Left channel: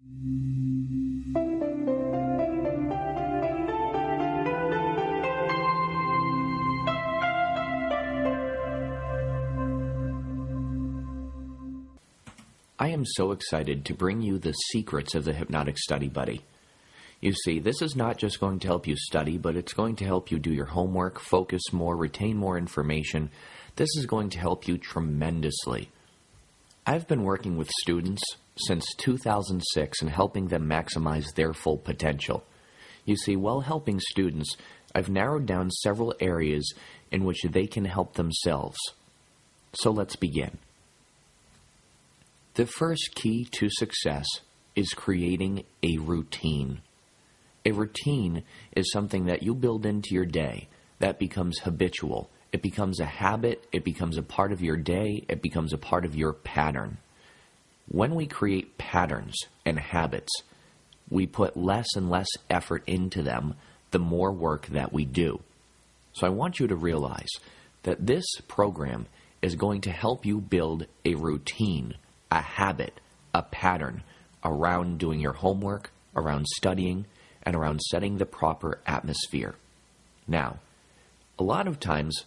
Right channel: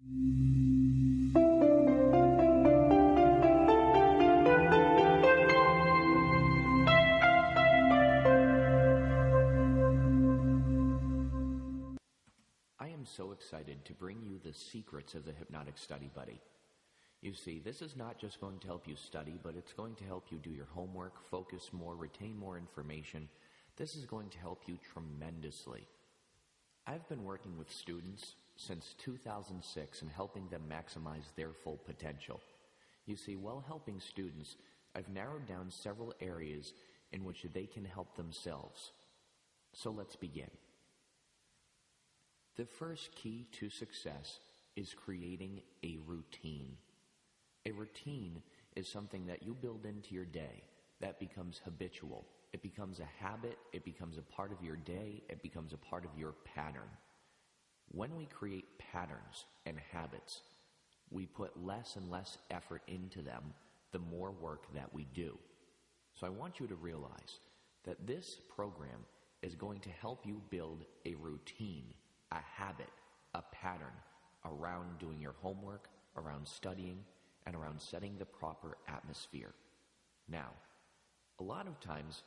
I am so excited to bring you the secrets of the Hypnotic Study Buddy. You see, this is not just going to help you study, but it's going to help you do your homework, focus more, retain more information. This is going to help you tremendously. I've been working with students since 2006 and helping them maximize their full potential. You see, while helping students, I've narrowed down several areas in which they can help themselves. So let's begin. The first key to success is creating a routine. A routine is something that you build into your day that becomes habitual. It becomes a habit, it becomes a part of your day, it becomes a part of your pattern. When we create patterns and habits, we put less and less effort into them the more work that we do. So I want you to realize that this program is going to help you build a routine, a habit, a pattern around doing your homework, around studying, and around setting the proper atmosphere. Now, a lot of times,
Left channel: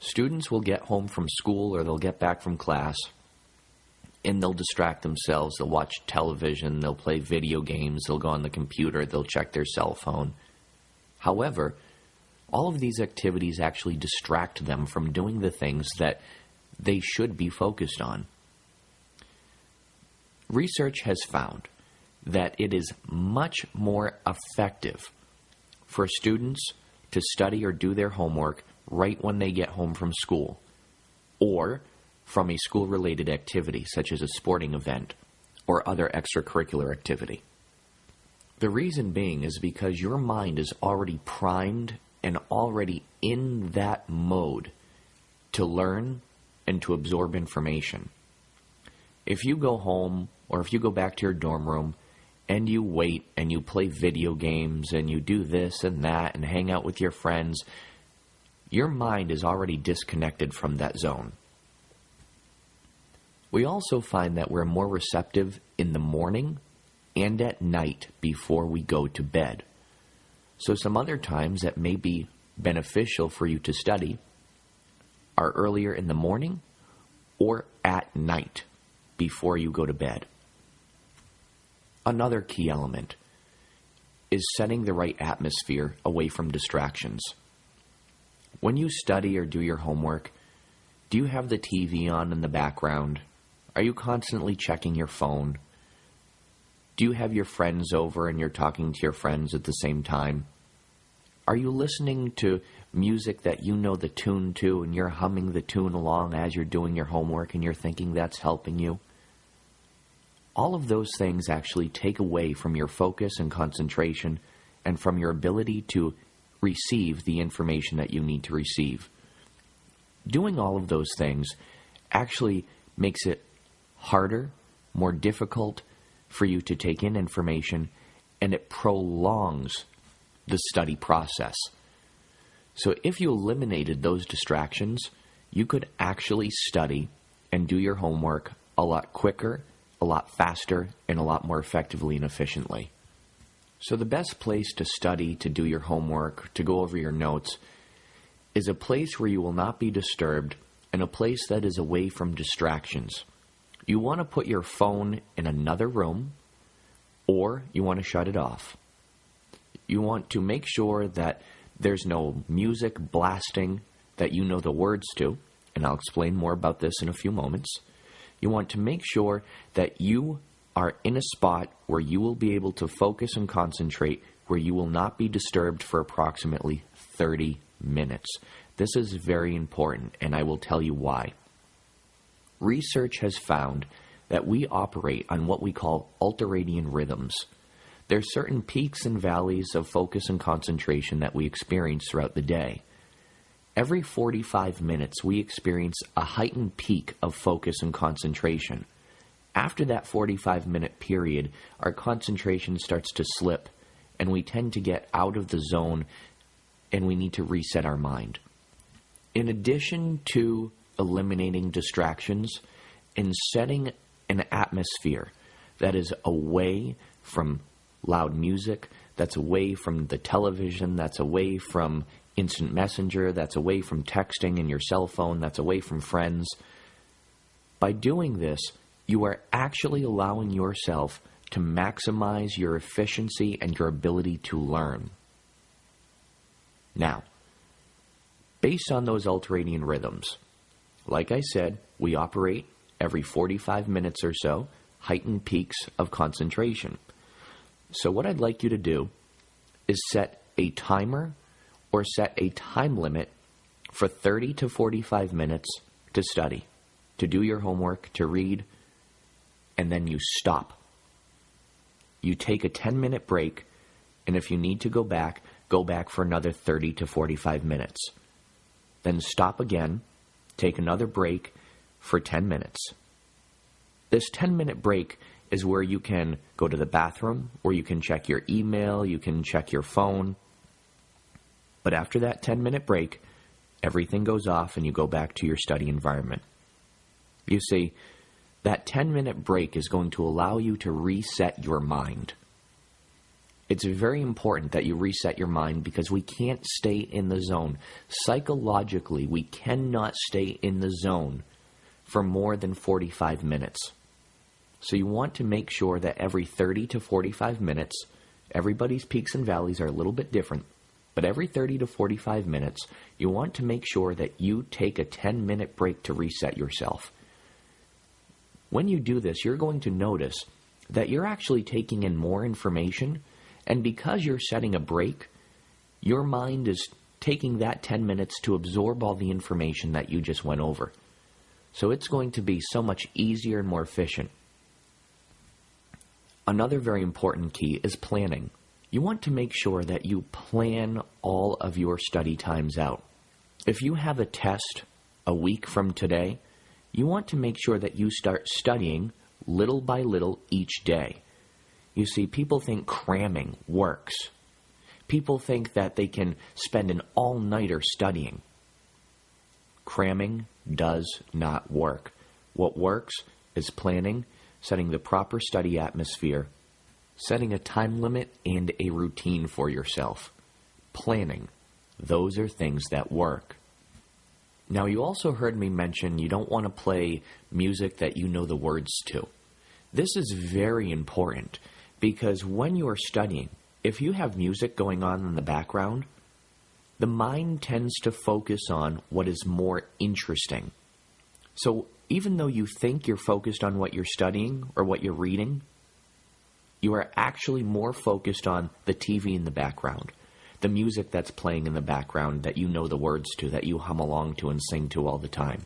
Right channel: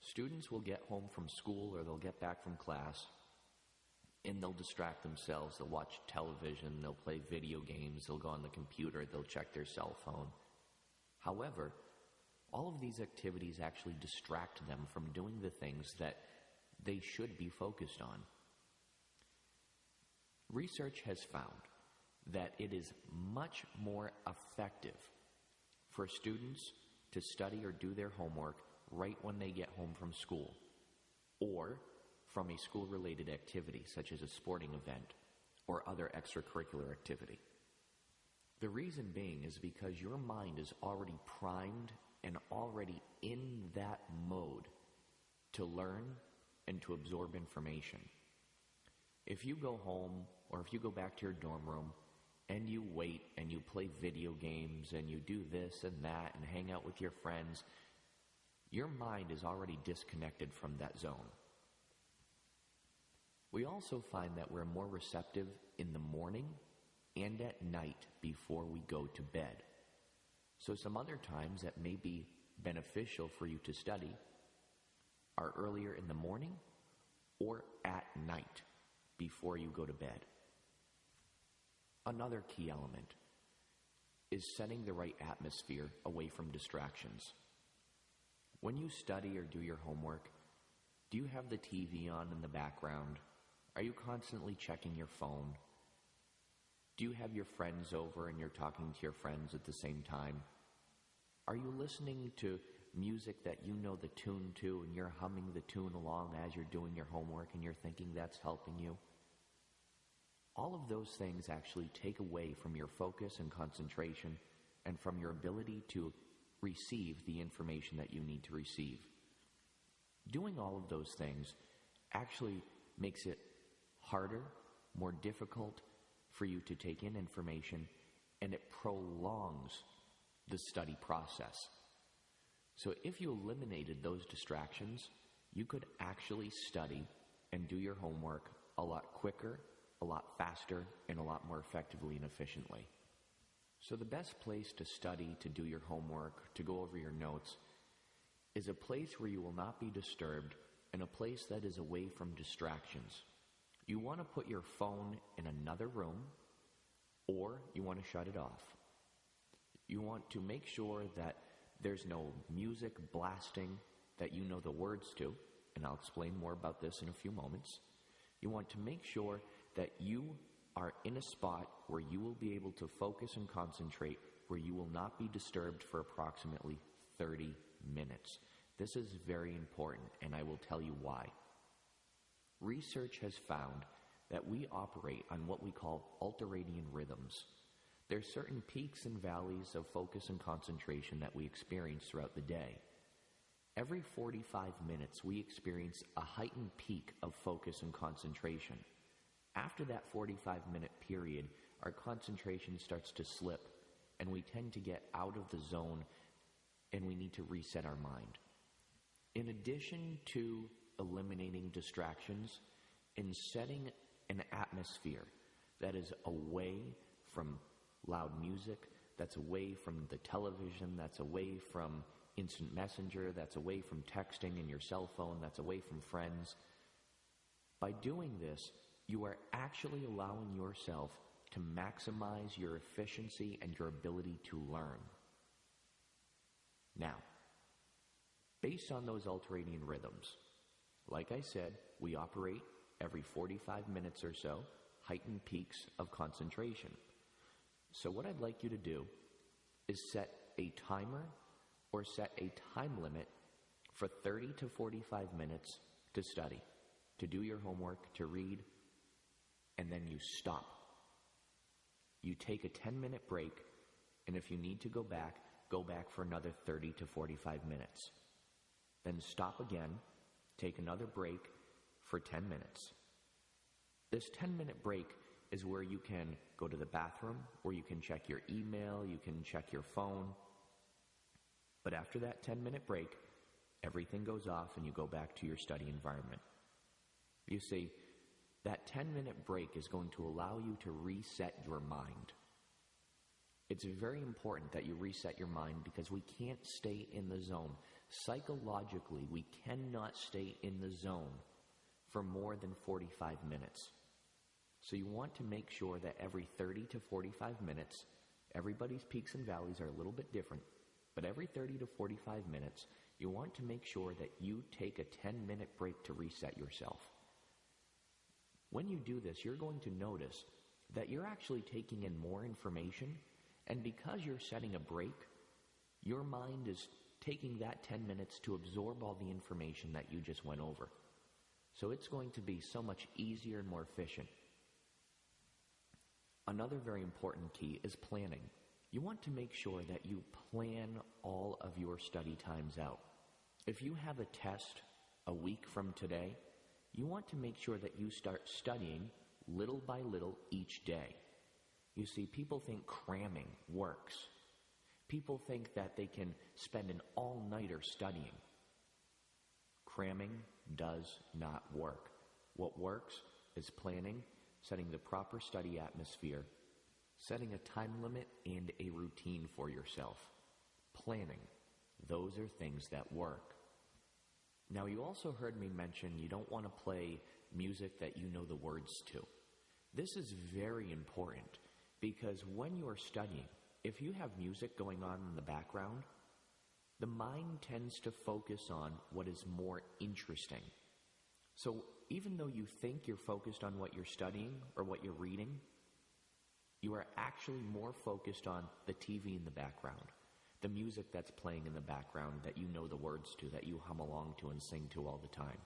students will get home from school or they'll get back from class and they'll distract themselves. They'll watch television, they'll play video games, they'll go on the computer, they'll check their cell phone. However, all of these activities actually distract them from doing the things that they should be focused on. Research has found that it is much more effective for students to study or do their homework right when they get home from school, or from a school-related activity such as a sporting event or other extracurricular activity. The reason being is because your mind is already primed and already in that mode to learn and to absorb information. If you go home or if you go back to your dorm room and you wait and you play video games and you do this and that and hang out with your friends, your mind is already disconnected from that zone. We also find that we're more receptive in the morning and at night before we go to bed. So some other times that may be beneficial for you to study are earlier in the morning or at night before you go to bed. Another key element is setting the right atmosphere away from distractions. When you study or do your homework, do you have the TV on in the background? Are you constantly checking your phone? Do you have your friends over and you're talking to your friends at the same time? Are you listening to music that you know the tune to and you're humming the tune along as you're doing your homework and you're thinking that's helping you? All of those things actually take away from your focus and concentration and from your ability to receive the information that you need to receive. Doing all of those things actually makes it harder, more difficult for you to take in information, and it prolongs the study process. So if you eliminated those distractions, you could actually study and do your homework a lot quicker, a lot faster, and a lot more effectively and efficiently. So the best place to study, to do your homework, to go over your notes, is a place where you will not be disturbed and a place that is away from distractions. You want to put your phone in another room, or you want to shut it off. You want to make sure that there's no music blasting that you know the words to, and I'll explain more about this in a few moments. You want to make sure that you are in a spot where you will be able to focus and concentrate, where you will not be disturbed for approximately 30 minutes. This is very important, and I will tell you why. Research has found that we operate on what we call ultradian rhythms. There are certain peaks and valleys of focus and concentration that we experience throughout the day. Every 45 minutes, we experience a heightened peak of focus and concentration. After that 45-minute period, our concentration starts to slip, and we tend to get out of the zone, and we need to reset our mind. In addition to eliminating distractions and setting an atmosphere that is away from loud music, that's away from the television, that's away from instant messenger, that's away from texting and your cell phone, that's away from friends. By doing this, you are actually allowing yourself to maximize your efficiency and your ability to learn. Now, based on those ultradian rhythms, like I said, we operate every 45 minutes or so, heightened peaks of concentration. So what I'd like you to do is set a timer or set a time limit for 30 to 45 minutes to study, to do your homework, to read, and then you stop. You take a 10-minute break, and if you need to go back for another 30 to 45 minutes. Then stop again, take another break for 10 minutes. This 10-minute break is where you can go to the bathroom, or you can check your email, you can check your phone. But after that 10-minute break, everything goes off and you go back to your study environment. You see, that 10-minute break is going to allow you to reset your mind. It's very important that you reset your mind because we can't stay in the zone. Psychologically, we cannot stay in the zone for more than 45 minutes. So you want to make sure that every 30 to 45 minutes, everybody's peaks and valleys are a little bit different, but every 30 to 45 minutes, you want to make sure that you take a 10-minute break to reset yourself. When you do this, you're going to notice that you're actually taking in more information, and because you're setting a break, your mind is taking that 10 minutes to absorb all the information that you just went over. So it's going to be so much easier and more efficient. Another very important key is planning. You want to make sure that you plan all of your study times out. If you have a test a week from today, you want to make sure that you start studying little by little each day. You see, people think cramming works. People think that they can spend an all-nighter studying. Cramming does not work. What works is planning, setting the proper study atmosphere, setting a time limit and a routine for yourself. Planning. Those are things that work. Now, you also heard me mention you don't want to play music that you know the words to. This is very important because when you are studying, if you have music going on in the background, the mind tends to focus on what is more interesting. So even though you think you're focused on what you're studying or what you're reading, you are actually more focused on the TV in the background, the music that's playing in the background that you know the words to, that you hum along to and sing to all the time.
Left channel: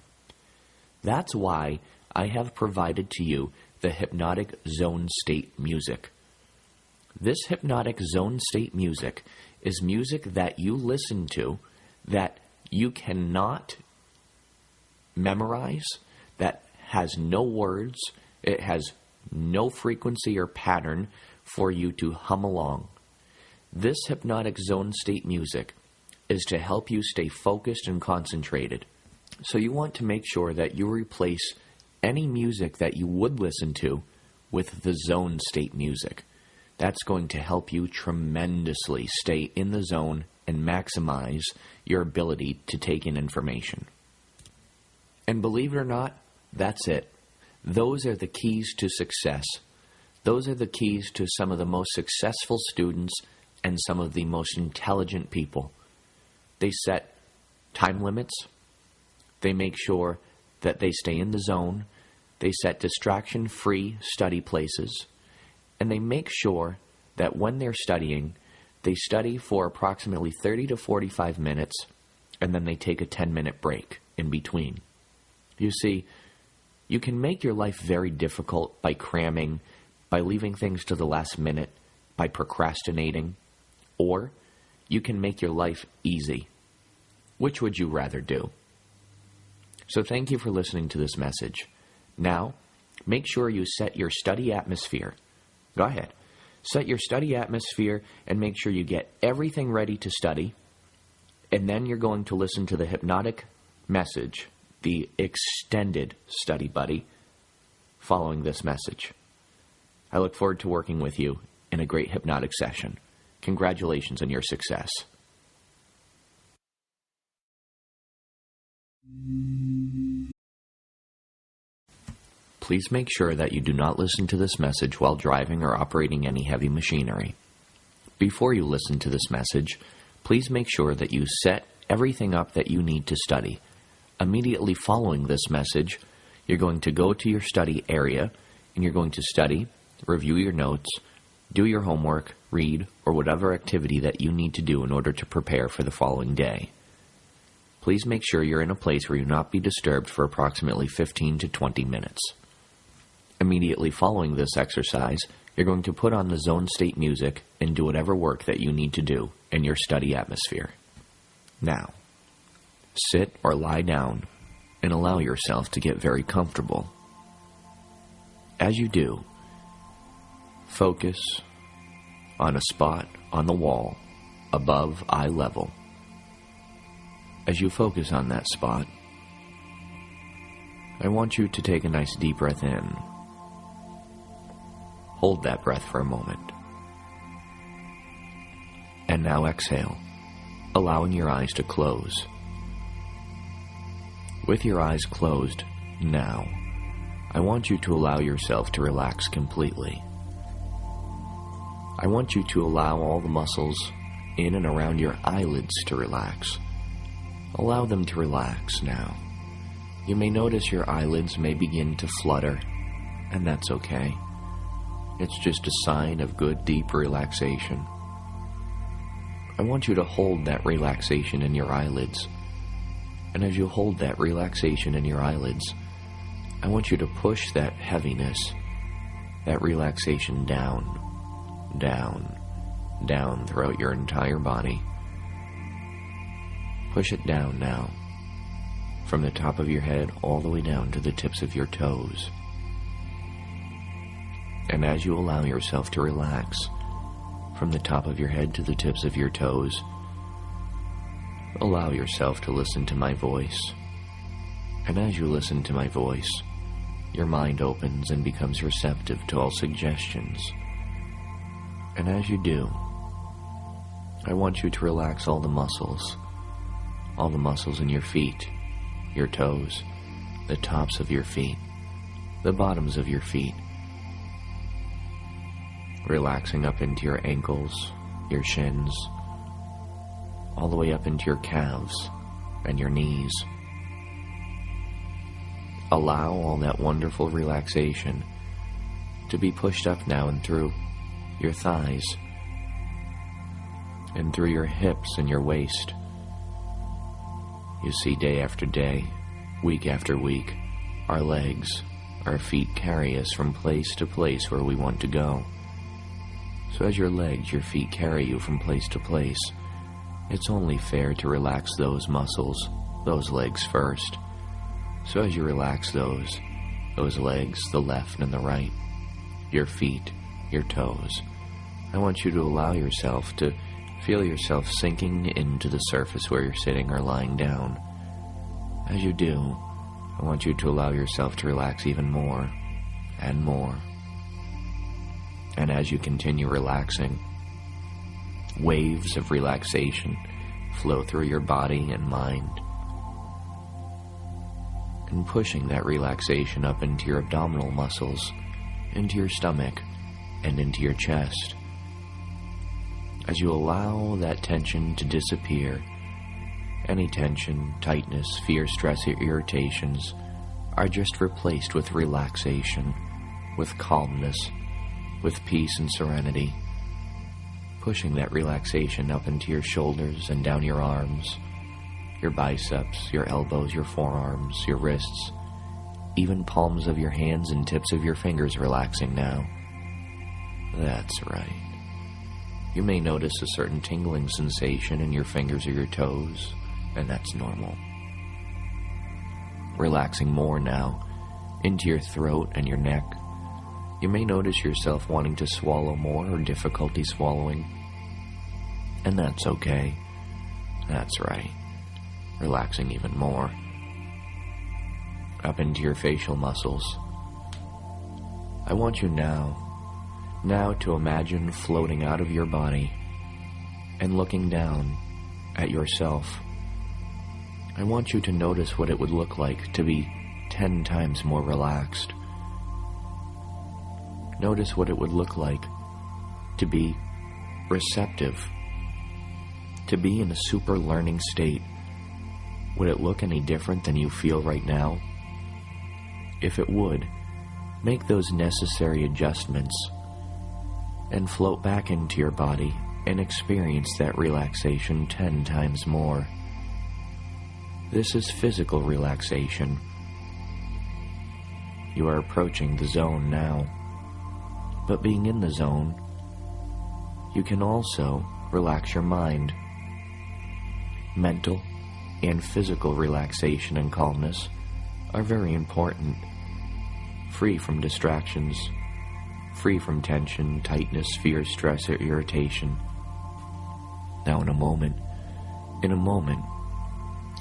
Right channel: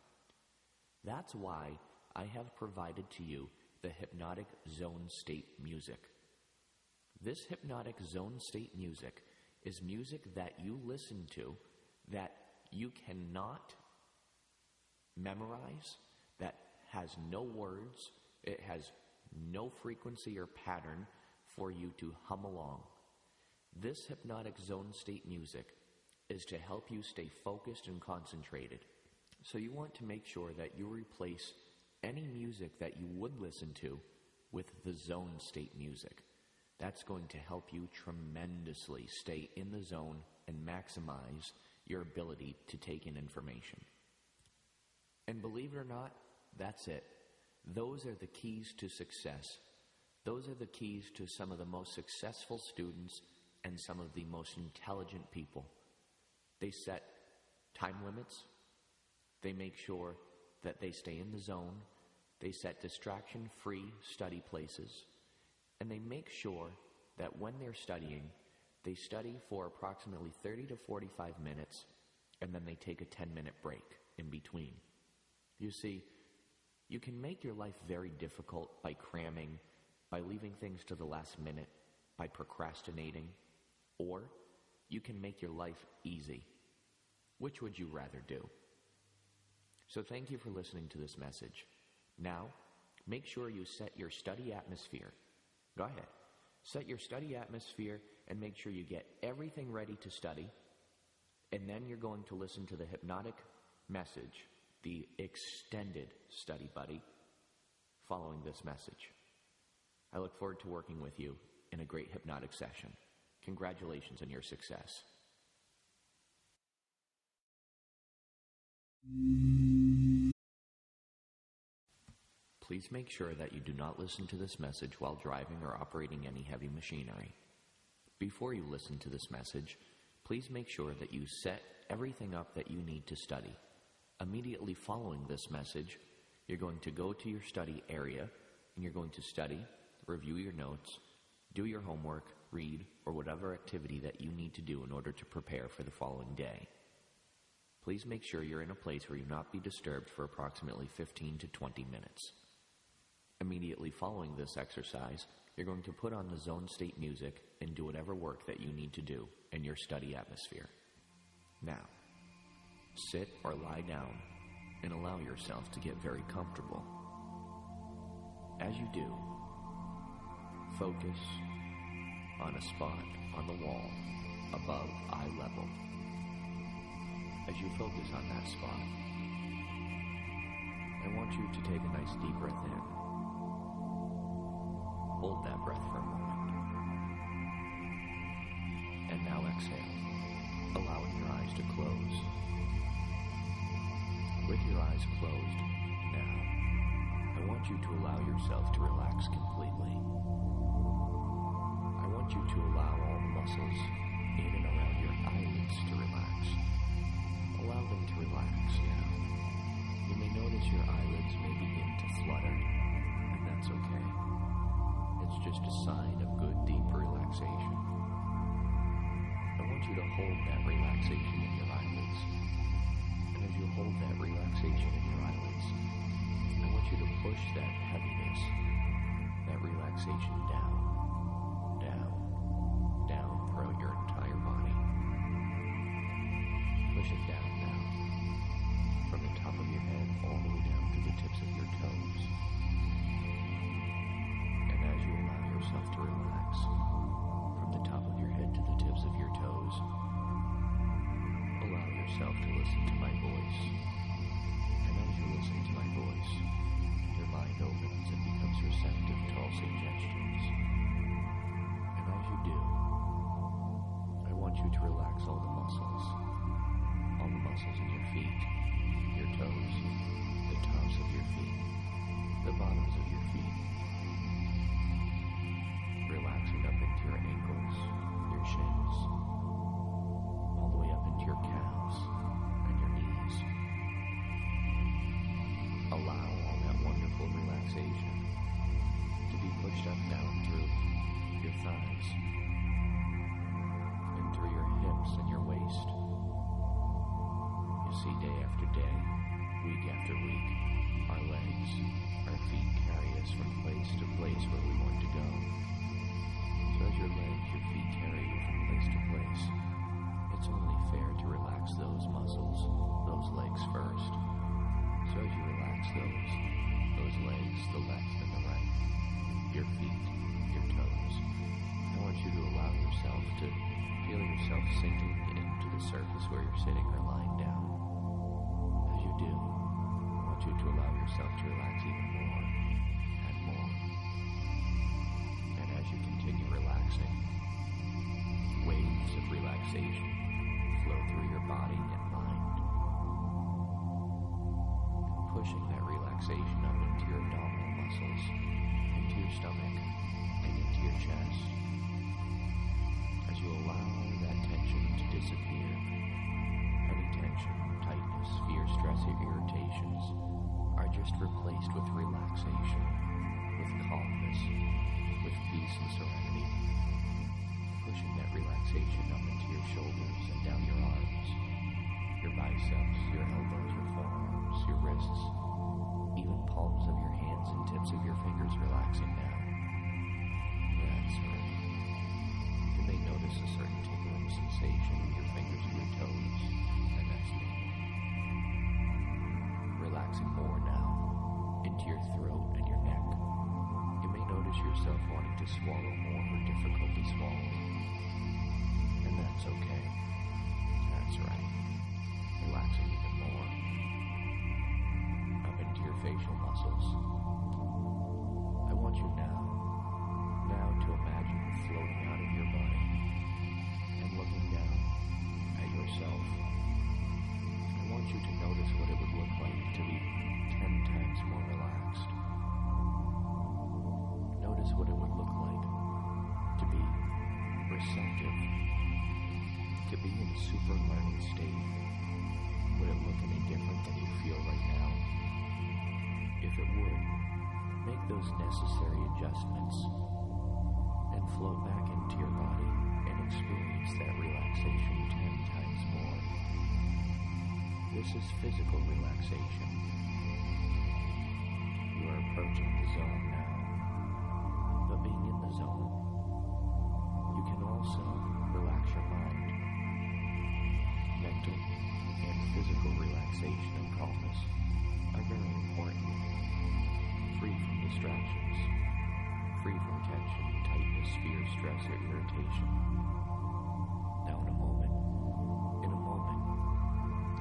That's why I have provided to you the hypnotic zone state music. This hypnotic zone state music is music that you listen to that you cannot memorize, that has no words, it has no frequency or pattern for you to hum along. This hypnotic zone state music is to help you stay focused and concentrated. So you want to make sure that you replace any music that you would listen to with the zone state music. That's going to help you tremendously stay in the zone and maximize your ability to take in information. And believe it or not, that's it. Those are the keys to success. Those are the keys to some of the most successful students and some of the most intelligent people. They set time limits. They make sure that they stay in the zone. They set distraction-free study places. And they make sure that when they're studying, they study for approximately 30 to 45 minutes, and then they take a 10-minute break in between. You see, you can make your life very difficult by cramming, by leaving things to the last minute, by procrastinating, or you can make your life easy. Which would you rather do? So thank you for listening to this message. Now, make sure you set your study atmosphere. Go ahead. Set your study atmosphere and make sure you get everything ready to study. And then you're going to listen to the hypnotic message, the extended study buddy, following this message. I look forward to working with you in a great hypnotic session. Congratulations on your success. Please make sure that you do not listen to this message while driving or operating any heavy machinery. Before you listen to this message, please make sure that you set everything up that you need to study. Immediately following this message, you're going to go to your study area and you're going to study, review your notes, do your homework, read, or whatever activity that you need to do in order to prepare for the following day. Please make sure you're in a place where you will not be disturbed for approximately 15 to 20 minutes. Immediately following this exercise, you're going to put on the zone state music and do whatever work that you need to do in your study atmosphere. Now, sit or lie down and allow yourself to get very comfortable. As you do, focus on a spot on the wall above eye level. As you focus on that spot, I want you to take a nice deep breath in. Hold that breath for a moment. And now exhale, allowing your eyes to close. With your eyes closed, now, I want you to allow yourself to relax completely. I want you to allow all the muscles in and around your eyelids to relax. Allow them to relax now. You may notice your eyelids may begin to flutter, and that's okay. It's just a sign of good, deep relaxation. I want you to hold that relaxation in your eyelids. And as you hold that relaxation in your eyelids, I want you to push that heaviness, that relaxation down, down, down throughout your entire body. Push it down now, from the top of your head all the way down to the tips of your toes. And as you allow yourself to relax, from the top of your head to the tips of your toes, allow yourself to listen to my voice. And as you listen to my voice, your mind opens and becomes receptive to all suggestions. And as you do, I want you to relax all the muscles in your feet, your toes, the tops of your feet, the bottoms of your feet, relaxing up into your ankles, your shins, all the way up into your calves and your knees. Allow all that wonderful relaxation to be pushed up now and through your thighs and through your hips and your waist. You see, day after day, week after week, our legs, our feet carry us from place to place where we want to go. So as your legs, your feet carry you from place to place, it's only fair to relax those muscles, those legs first. So as you relax those legs, the left and the right, your feet, your toes, I want you to allow yourself to feel yourself sinking into the surface where you're sitting or lying down. As you do, I want you to allow yourself to relax even more and more. And as you continue relaxing, waves of relaxation flow through your body and mind, and pushing that relaxation up into your abdominal muscles, into your stomach, and into your chest. As you allow that tension to disappear, any tension, tightness, fear, stress, or irritations are just replaced with relaxation, with calmness, with peace and serenity, pushing that relaxation up into your shoulders and down your arms, your biceps, your elbows, your forearms, your wrists, even palms of your hands and tips of your fingers relaxing now. That's right. You may notice a certain tingling sensation in your fingers or your toes, and that's normal. Relaxing more now into your throat and your neck. You may notice yourself wanting to swallow more or difficulty swallowing, and that's okay. That's right. Relaxing even more. Up into your facial muscles. I want you now Now to imagine floating out of your body and looking down at yourself. I want you to notice what it would look like to be 10 times more relaxed. Notice what it would look like to be receptive, to be in a super learning state. Would it look any different than you feel right now? If it would, make those necessary adjustments and float back into your body and experience that relaxation 10 times more. This is physical relaxation. You are approaching the zone now. But being in the zone, you can also relax your mind. Mental and physical relaxation and calmness are very important. Free from distractions, free from tension, tightness, fear, stress, or irritation. Now in a moment,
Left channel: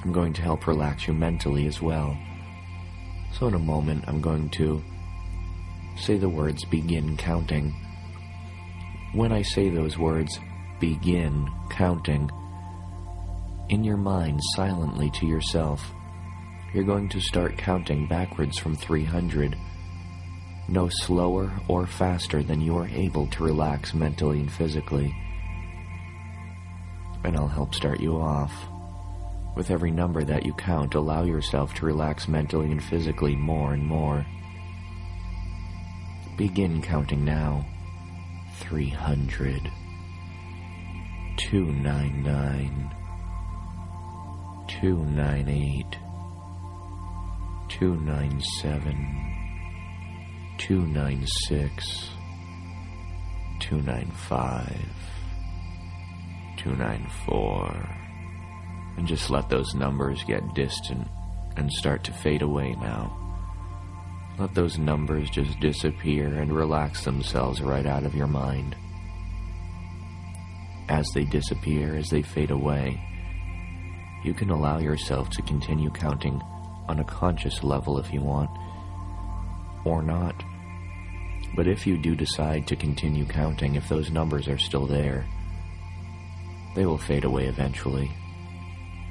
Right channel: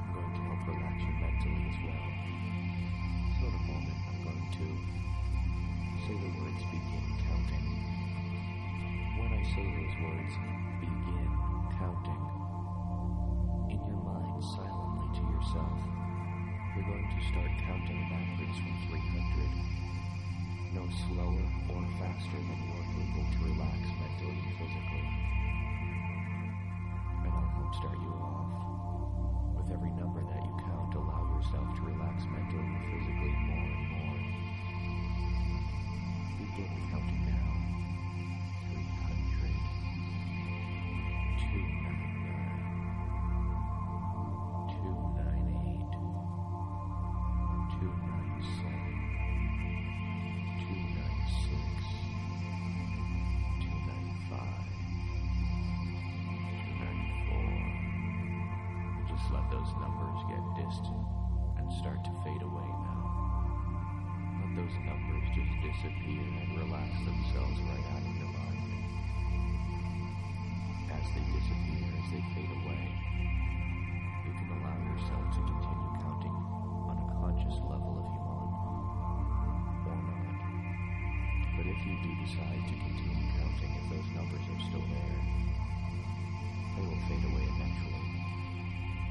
I'm going to help relax you mentally as well. So in a moment, I'm going to say the words begin counting. When I say those words, begin counting, in your mind silently to yourself, you're going to start counting backwards from 300, no slower or faster than you are able to relax mentally and physically. And I'll help start you off. With every number that you count, allow yourself to relax mentally and physically more and more. Begin counting now. 300, 299, 298, 297, 296, 295, 294, and just let those numbers get distant and start to fade away now. Let those numbers just disappear and relax themselves right out of your mind. As they disappear, as they fade away, you can allow yourself to continue counting on a conscious level if you want, or not. But if you do decide to continue counting, if those numbers are still there, they will fade away eventually,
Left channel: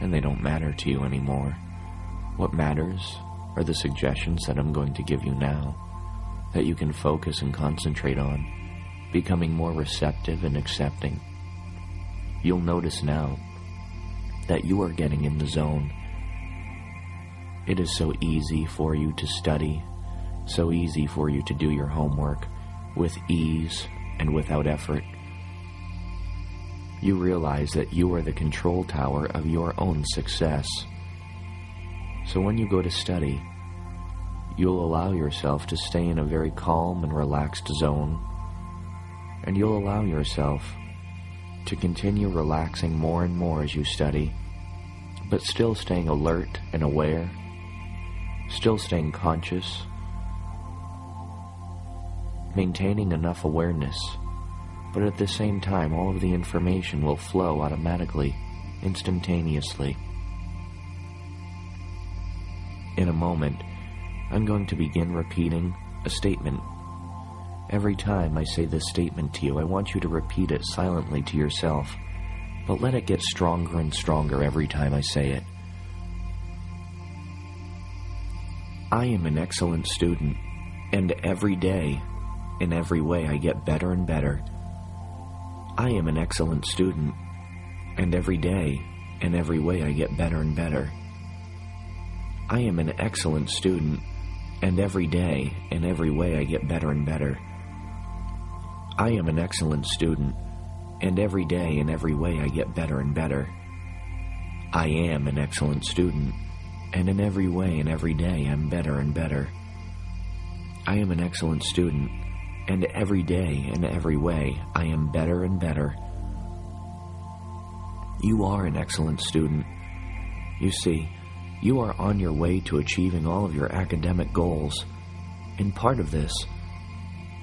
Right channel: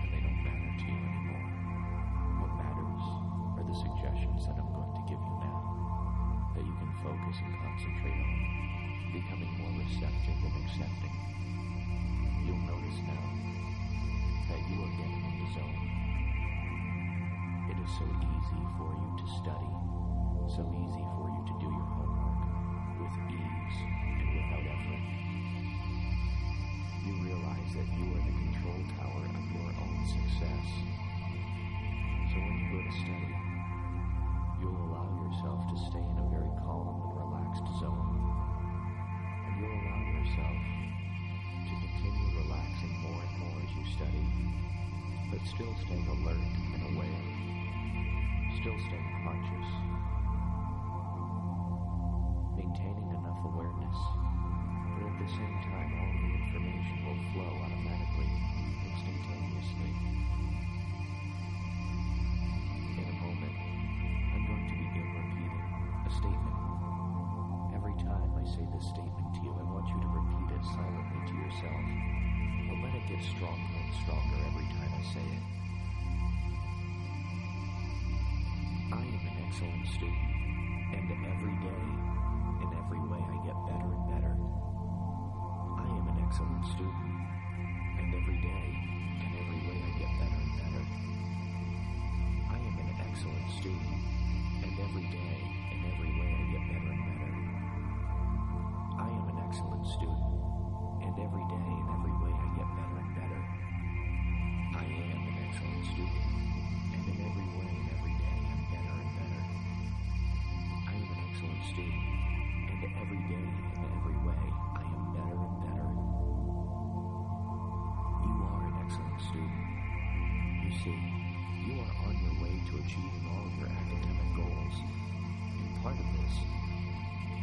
and they don't matter to you anymore. What matters are the suggestions that I'm going to give you now, that you can focus and concentrate on, becoming more receptive and accepting. You'll notice now that you are getting in the zone. It is so easy for you to study, so easy for you to do your homework with ease and without effort. You realize that you are the control tower of your own success. So when you go to study, you'll allow yourself to stay in a very calm and relaxed zone, and you'll allow yourself to continue relaxing more and more as you study, but still staying alert and aware, still staying conscious, maintaining enough awareness, but at the same time all of the information will flow automatically, instantaneously. In a moment, I'm going to begin repeating a statement. Every time I say this statement to you, I want you to repeat it silently to yourself, but let it get stronger and stronger every time I say it. I am an excellent student, and every day, in every way, I get better and better. I am an excellent student, and every day, in every way, I get better and better. I am an excellent student, and every day, in every way, I get better and better. I am an excellent student, and every day, in every way, I get better and better. I am an excellent student, and in every way and every day, I'm better and better. I am an excellent student, and every day and every way, I am better and better. You are an excellent student. You see, you are on your way to achieving all of your academic goals, and part of this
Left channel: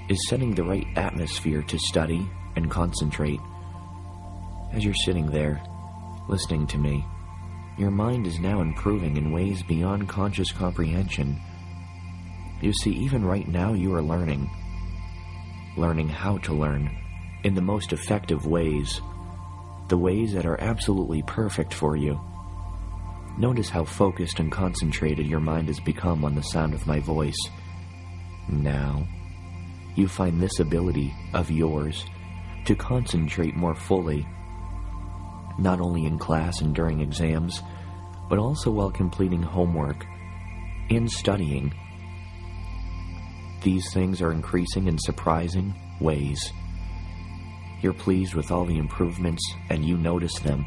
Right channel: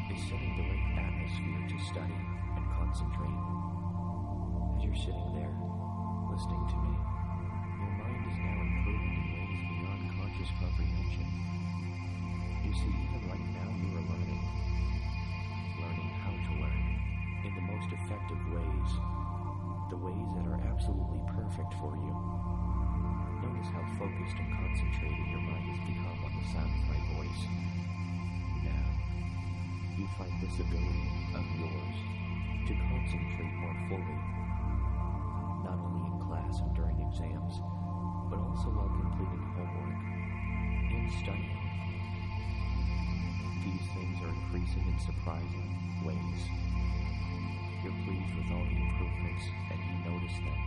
is setting the right atmosphere to study and concentrate. As you're sitting there, listening to me, your mind is now improving in ways beyond conscious comprehension. You see, even right now you are learning. learning how to learn in the most effective ways, the ways that are absolutely perfect for you. Notice how focused and concentrated your mind has become on the sound of my voice. Now, you find this ability of yours to concentrate more fully, not only in class and during exams, but also while completing homework and studying. These things are increasing in surprising ways. You're pleased with all the improvements, and you notice them.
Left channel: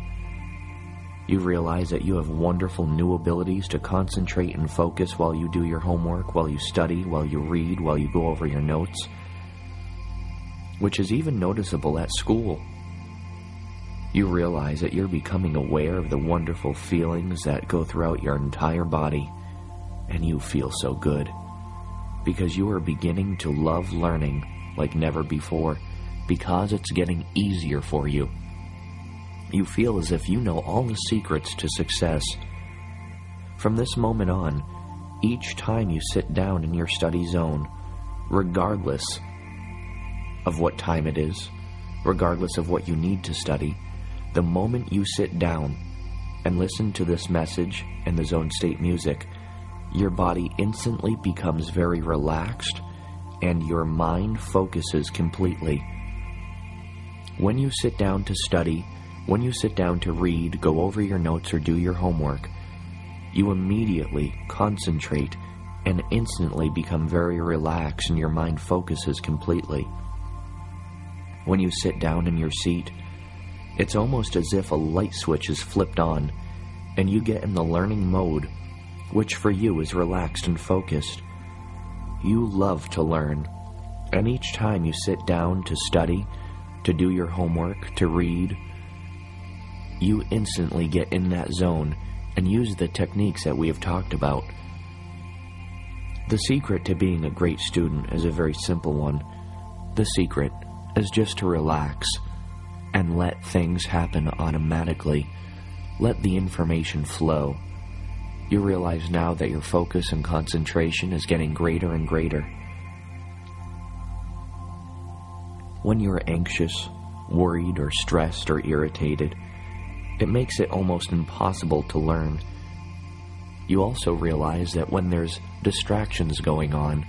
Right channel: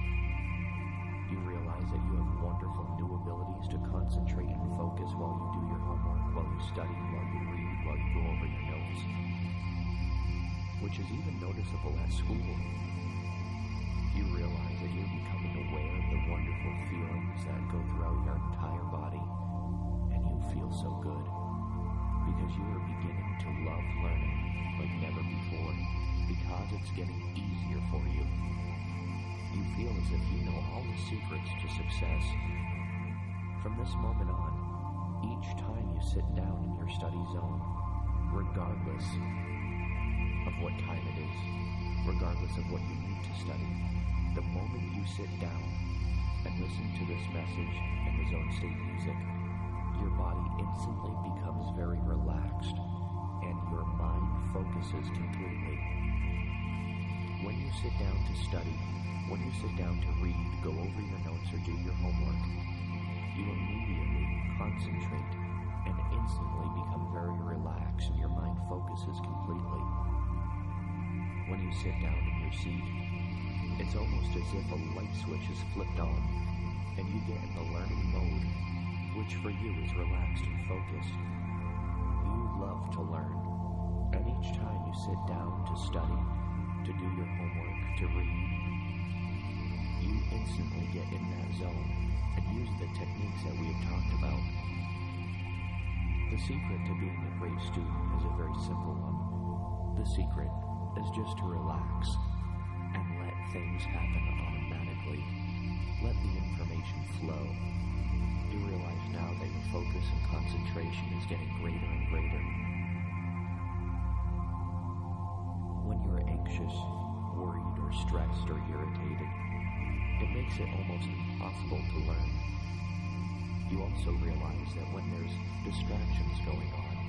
You realize that you have wonderful new abilities to concentrate and focus while you do your homework, while you study, while you read, while you go over your notes, which is even noticeable at school. You realize that you're becoming aware of the wonderful feelings that go throughout your entire body, and you feel so good, because you are beginning to love learning like never before, because it's getting easier for you. You feel as if you know all the secrets to success. From this moment on, each time you sit down in your study zone, regardless of what time it is, regardless of what you need to study, the moment you sit down and listen to this message and the zone state music, your body instantly becomes very relaxed and your mind focuses completely. When you sit down to study, when you sit down to read, go over your notes, or do your homework, you immediately concentrate and instantly become very relaxed and your mind focuses completely. When you sit down in your seat, it's almost as if a light switch is flipped on and you get in the learning mode, which for you is relaxed and focused. You love to learn, and each time you sit down to study, to do your homework, to read, you instantly get in that zone and use the techniques that we have talked about. The secret to being a great student is a very simple one. The secret is just to relax and let things happen automatically. Let the information flow. You realize now that your focus and concentration is getting greater and greater. When you're anxious, worried, or stressed, or irritated, it makes it almost impossible to learn. You also realize that when there's distractions going on,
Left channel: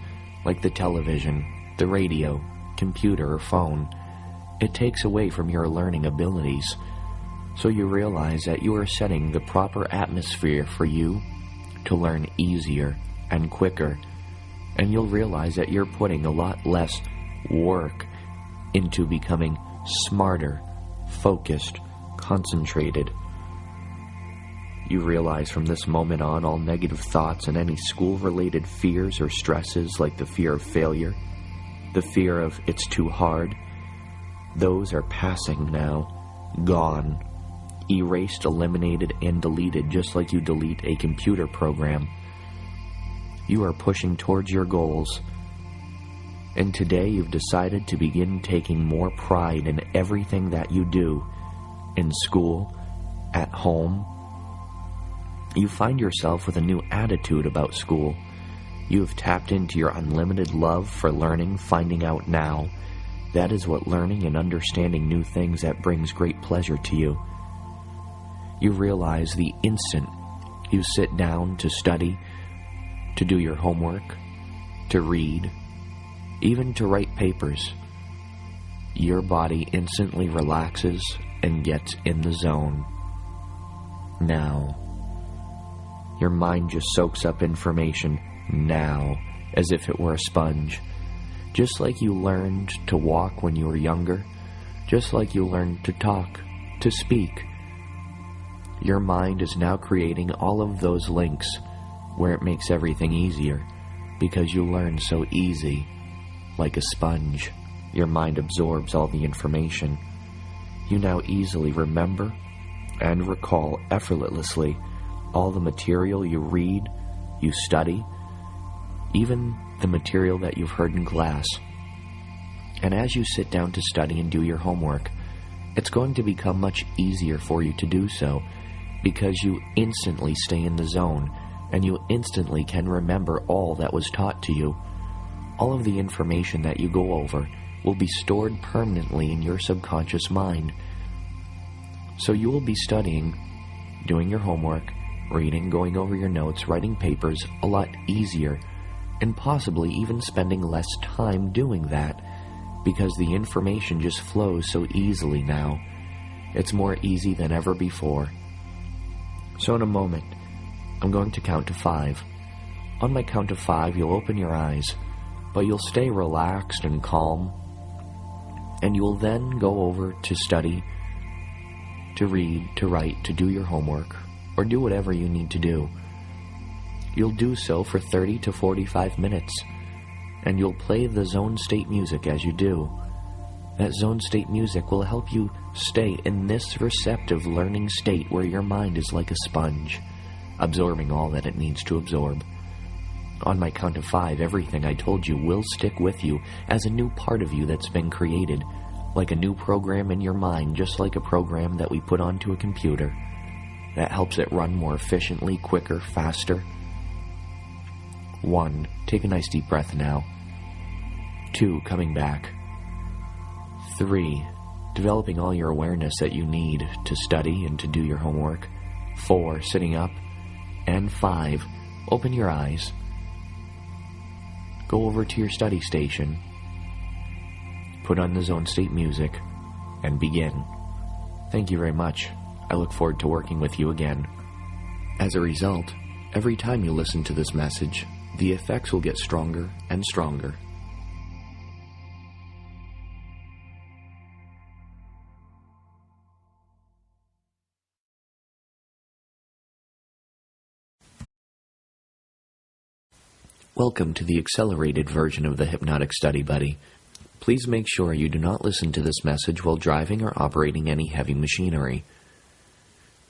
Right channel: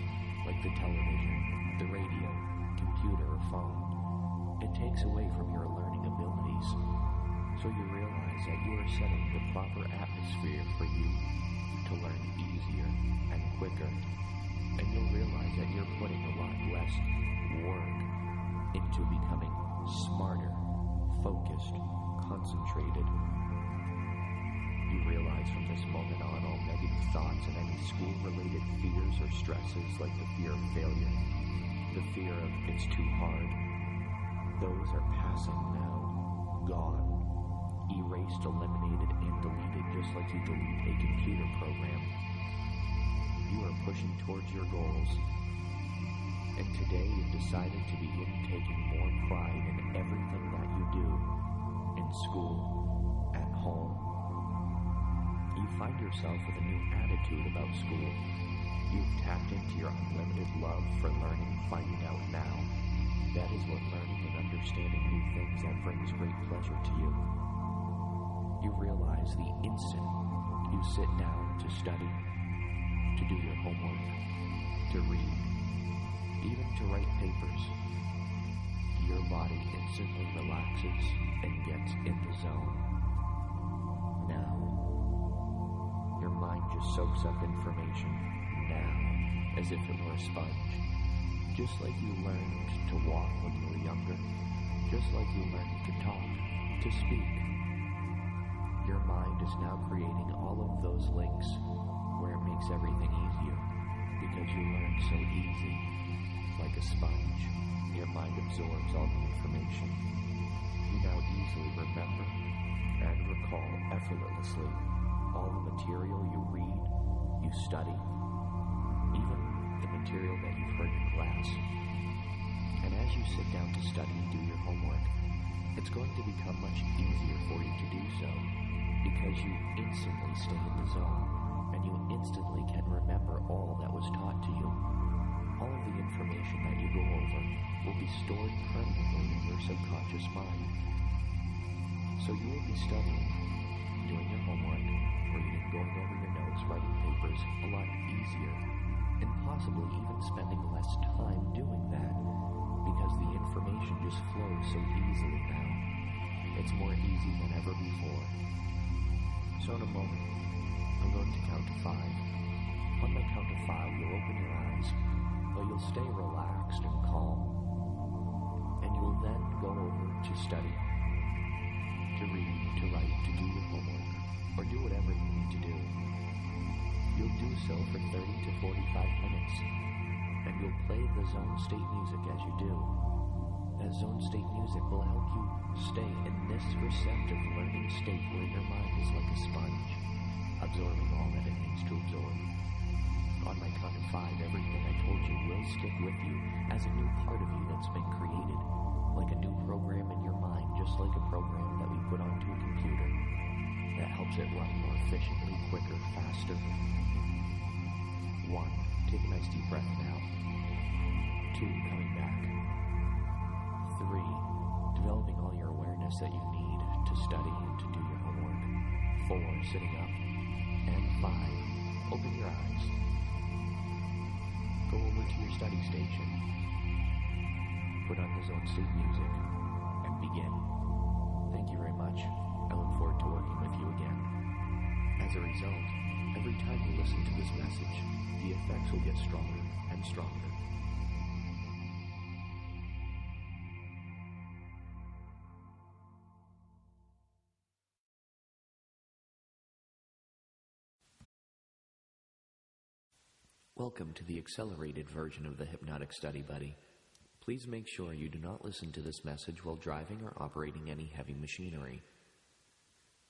like the television, the radio, computer, or phone, it takes away from your learning abilities. So you realize that you are setting the proper atmosphere for you to learn easier and quicker, and you'll realize that you're putting a lot less work into becoming smarter, focused, concentrated. You realize from this moment on all negative thoughts and any school-related fears or stresses like the fear of failure, the fear of it's too hard, those are passing now, gone, erased, eliminated, and deleted just like you delete a computer program. You are pushing towards your goals, and today you've decided to begin taking more pride in everything that you do, in school, at home. You find yourself with a new attitude about school. You have tapped into your unlimited love for learning, finding out now. That is what learning and understanding new things that brings great pleasure to you. You realize the instant you sit down to study, to do your homework, to read, even to write papers, your body instantly relaxes and gets in the zone. Now, your mind just soaks up information now as if it were a sponge. Just like you learned to walk when you were younger, just like you learned to talk, to speak, your mind is now creating all of those links where it makes everything easier because you learn so easy. Like a sponge, your mind absorbs all the information. You now easily remember and recall effortlessly all the material you read, you study, even the material that you've heard in class. And as you sit down to study and do your homework, it's going to become much easier for you to do so because you instantly stay in the zone and you instantly can remember all that was taught to you. All of the information that you go over will be stored permanently in your subconscious mind. So you will be studying, doing your homework, reading, going over your notes, writing papers a lot easier, and possibly even spending less time doing that, because the information just flows so easily now. It's more easy than ever before. So in a moment, I'm going to count to 5. On my count of 5, you'll open your eyes, but you'll stay relaxed and calm, and you'll then go over to study, to read, to write, to do your homework, or do whatever you need to do. You'll do so for 30 to 45 minutes, and you'll play the zone state music as you do. That zone state music will help you stay in this receptive learning state where your mind is like a sponge, absorbing all that it needs to absorb. On my count of 5, everything I told you will stick with you as a new part of you that's been created, like a new program in your mind, just like a program that we put onto a computer that helps it run more efficiently, quicker, faster. 1, take a nice deep breath now. 2, coming back. 3, developing all your awareness that you need to study and to do your homework. 4, sitting up. And 5, open your eyes. Go over to your study station. Put on the zone state music and begin. Thank you very much. I look forward to working with you again. As a result, every time you listen to this message, the effects will get stronger and stronger. Welcome to the accelerated version of the Hypnotic Study Buddy. Please make sure you do not listen to this message while driving or operating any heavy machinery.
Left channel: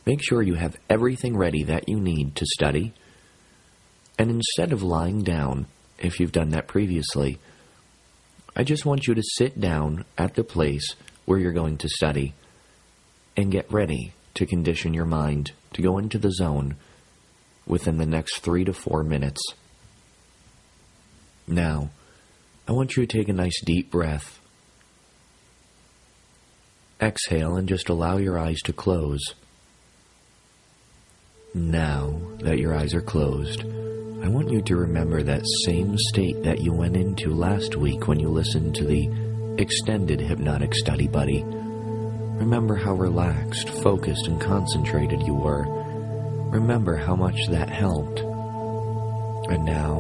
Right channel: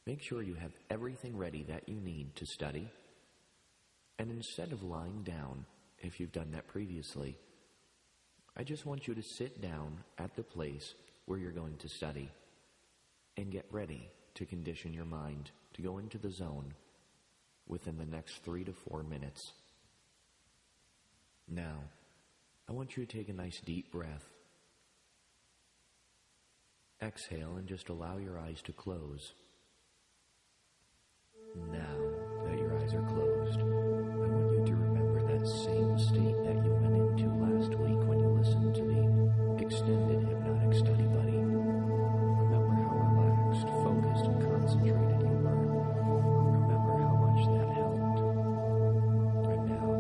Make sure you have everything ready that you need to study, and instead of lying down, if you've done that previously, I just want you to sit down at the place where you're going to study and get ready to condition your mind to go into the zone within the next 3 to 4 minutes. Now, I want you to take a nice deep breath. Exhale and just allow your eyes to close. Now that your eyes are closed, I want you to remember that same state that you went into last week when you listened to the extended Hypnotic Study Buddy. Remember how relaxed, focused, and concentrated you were. Remember how much that helped. And now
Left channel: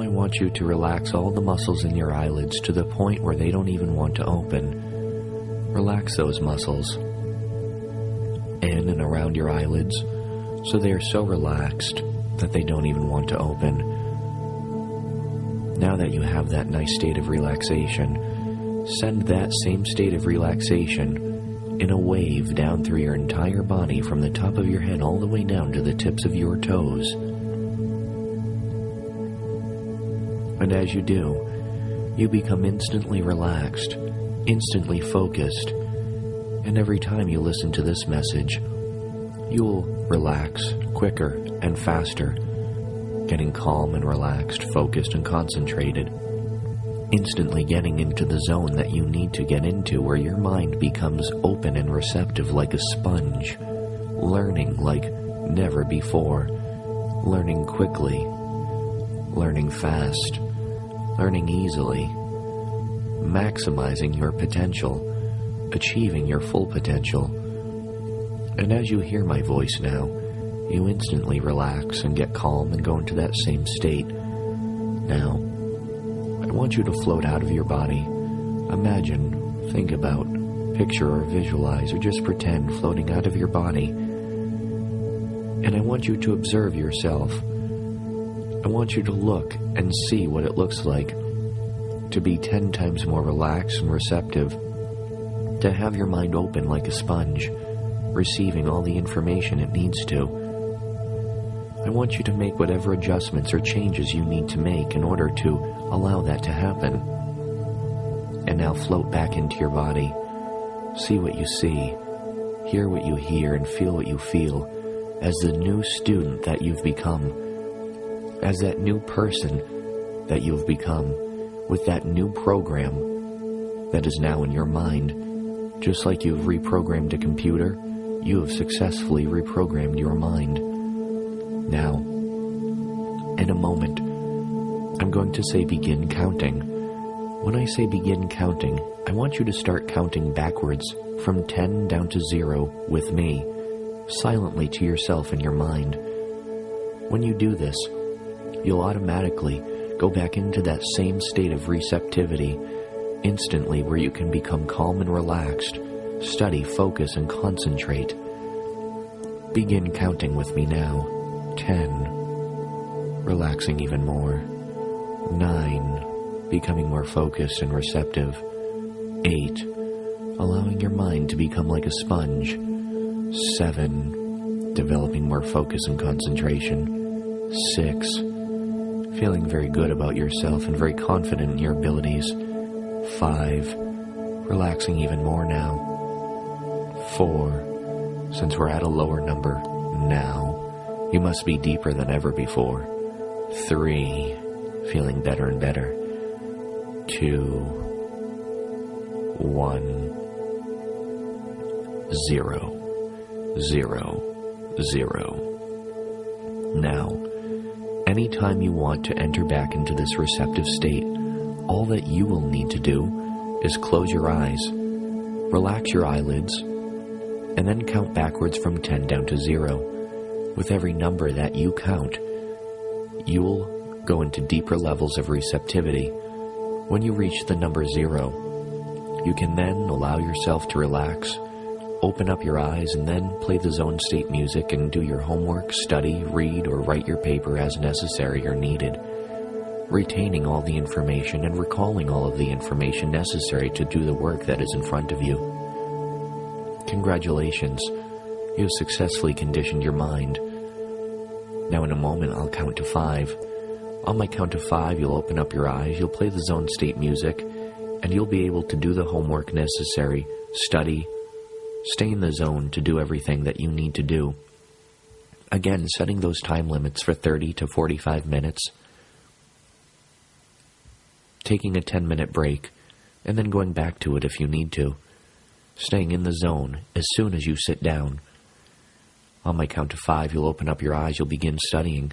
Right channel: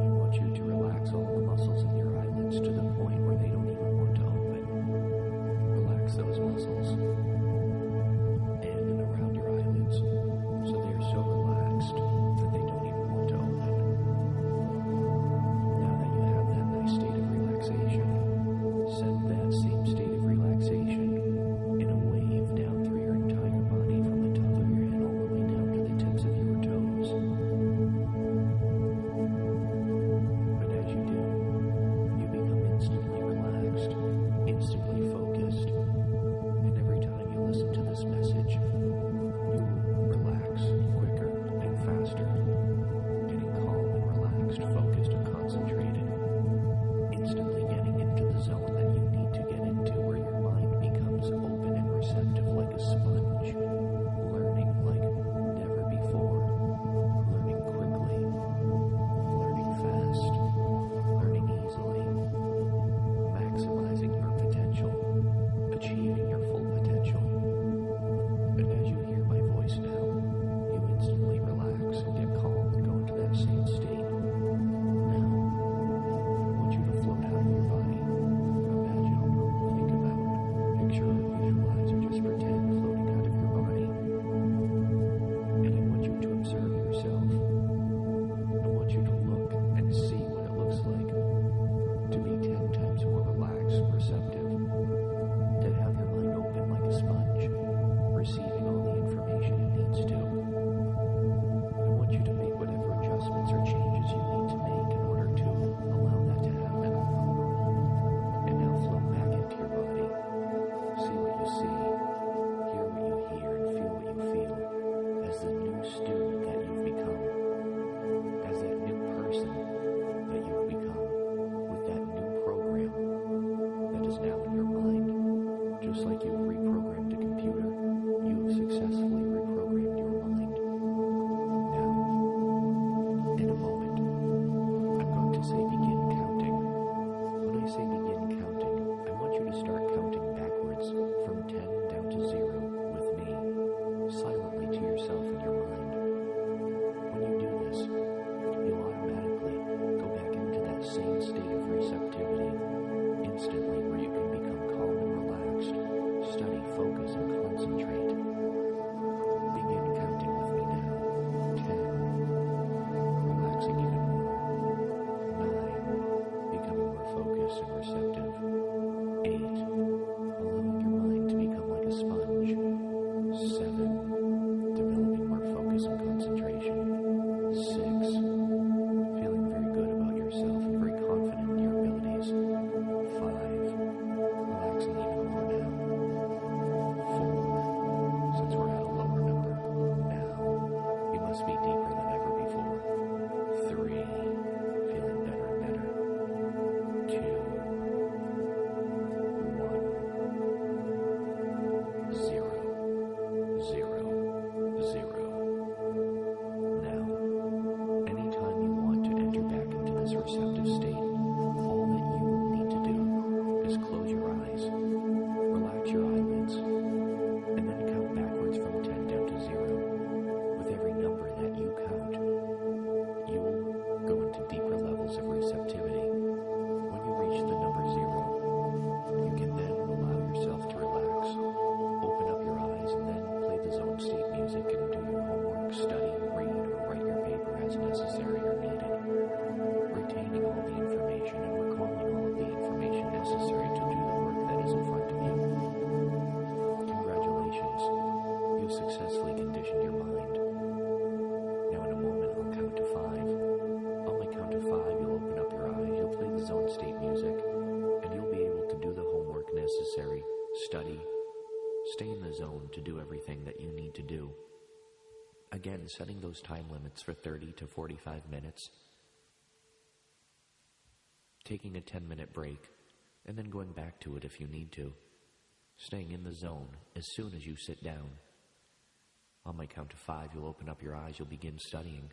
I want you to relax all the muscles in your eyelids to the point where they don't even want to open. Relax those muscles in and around your eyelids so they are so relaxed that they don't even want to open. Now that you have that nice state of relaxation, send that same state of relaxation in a wave down through your entire body from the top of your head all the way down to the tips of your toes. And as you do, you become instantly relaxed, instantly focused, and every time you listen to this message, you'll relax quicker and faster, getting calm and relaxed, focused and concentrated, instantly getting into the zone that you need to get into where your mind becomes open and receptive like a sponge, learning like never before, learning quickly, learning fast, learning easily, maximizing your potential, achieving your full potential. And as you hear my voice now, you instantly relax and get calm and go into that same state. Now, I want you to float out of your body. Imagine, think about, picture or visualize or just pretend floating out of your body. And I want you to observe yourself. I want you to look and see what it looks like to be 10 times more relaxed and receptive, to have your mind open like a sponge, receiving all the information it needs to. I want you to make whatever adjustments or changes you need to make in order to allow that to happen. And now float back into your body. See what you see, hear what you hear, and feel what you feel as the new student that you've become, as that new person that you've become, with that new program that is now in your mind. Just like you've reprogrammed a computer, you have successfully reprogrammed your mind. Now, in a moment, I'm going to say begin counting. When I say begin counting, I want you to start counting backwards from 10 down to 0 with me, silently to yourself in your mind. When you do this, you'll automatically go back into that same state of receptivity instantly, where you can become calm and relaxed, study, focus, and concentrate. Begin counting with me now. 10, relaxing even more. 9, becoming more focused and receptive. 8, allowing your mind to become like a sponge. 7, developing more focus and concentration. 6, feeling very good about yourself and very confident in your abilities. 5, relaxing even more now. 4, since we're at a lower number, now you must be deeper than ever before. 3, feeling better and better. 2, 1, 0, 0, 0. Now, anytime you want to enter back into this receptive state, all that you will need to do is close your eyes, relax your eyelids, and then count backwards from 10 down to 0. With every number that you count, you'll go into deeper levels of receptivity. When you reach the number 0, you can then allow yourself to relax, open up your eyes, and then play the zone state music and do your homework, study, read, or write your paper as necessary or needed, retaining all the information and recalling all of the information necessary to do the work that is in front of you. Congratulations, you have successfully conditioned your mind. Now in a moment I'll count to 5. On my count of 5, you'll open up your eyes, you'll play the zone state music, and you'll be able to do the homework necessary, study, stay in the zone to do everything that you need to do. Again, setting those time limits for 30 to 45 minutes, taking a 10-minute break, and then going back to it if you need to. Staying in the zone as soon as you sit down. On my count of 5, you'll open up your eyes, you'll begin studying.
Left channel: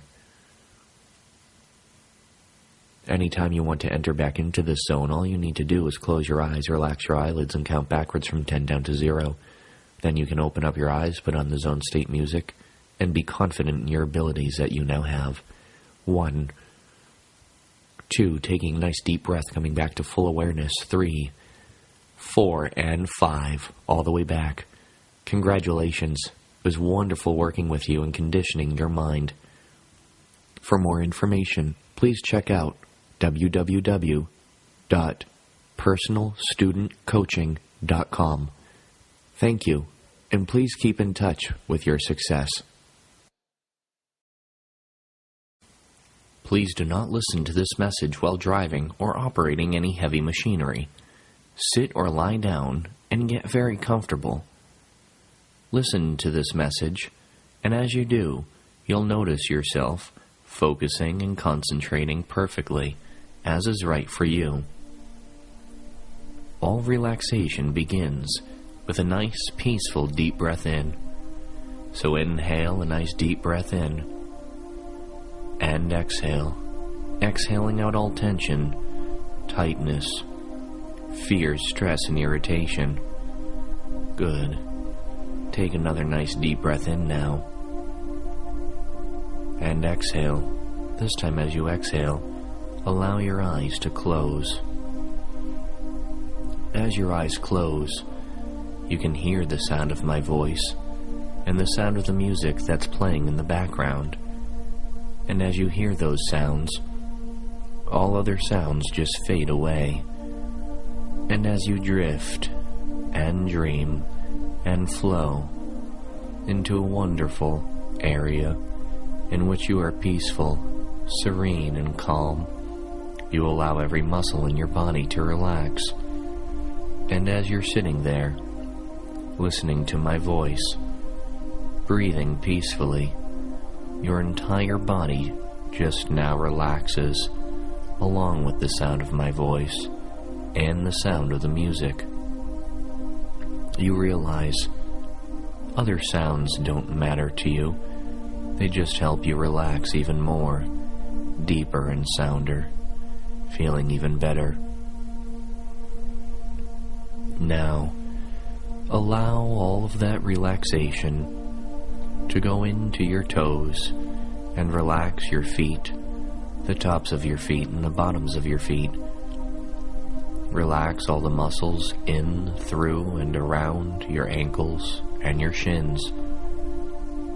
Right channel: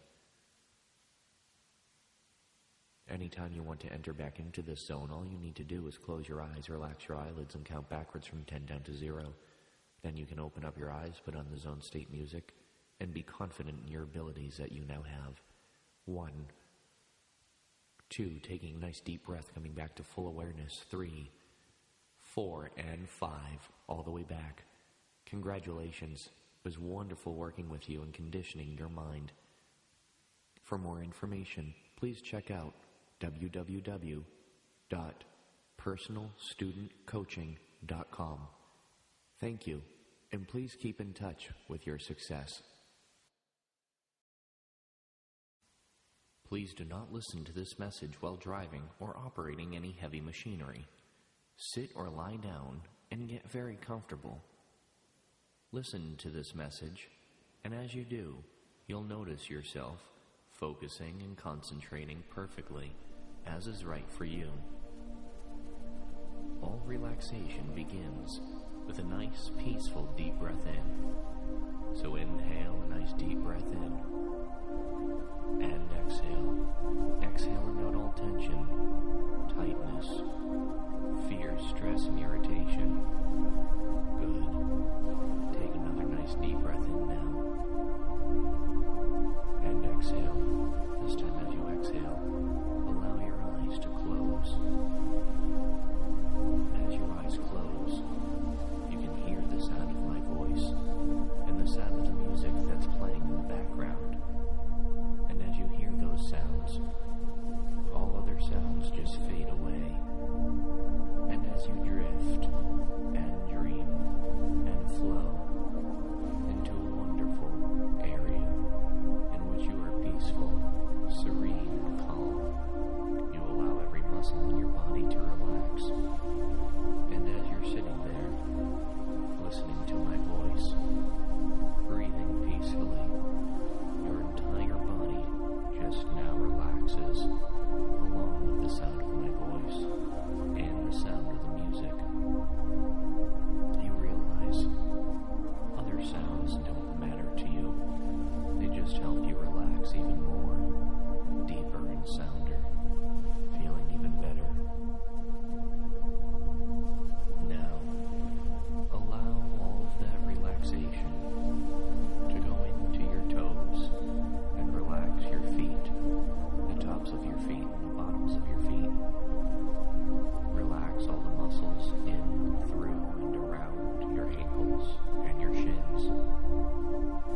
Anytime you want to enter back into this zone, all you need to do is close your eyes, relax your eyelids, and count backwards from 10 down to 0. Then you can open up your eyes, put on the zone state music, and be confident in your abilities that you now have. 1, 2, taking a nice deep breath, coming back to full awareness. 3, 4, and 5, all the way back. Congratulations. It was wonderful working with you and conditioning your mind. For more information, please check out www.personalstudentcoaching.com. Thank you, and please keep in touch with your success. Please do not listen to this message while driving or operating any heavy machinery. Sit or lie down and get very comfortable. Listen to this message, and as you do, you'll notice yourself focusing and concentrating perfectly, as is right for you. All relaxation begins with a nice, peaceful, deep breath in. So inhale a nice deep breath in, and exhale, exhaling out all tension, tightness, fear, stress, and irritation. Good. Take another nice deep breath in now, and exhale. This time as you exhale, allow your eyes to close. As your eyes close, you can hear the sound of my voice and the sound of the music that's playing in the background. And as you hear those sounds, all other sounds just fade away. And as you drift and dream and flow into a wonderful area in which you are peaceful, serene, and calm, you allow every muscle in your body to relax. And as you're sitting there, listening to my voice, breathing peacefully, your entire body just now relaxes along with the sound of my voice. and the sound of the music. You realize other sounds don't matter to you. They just help you relax even more, deeper and sounder, feeling even better. Now, allow all of that relaxation to go into your toes and relax your feet, the tops of your feet and the bottoms of your feet. Relax all the muscles in, through, and around your ankles and your shins.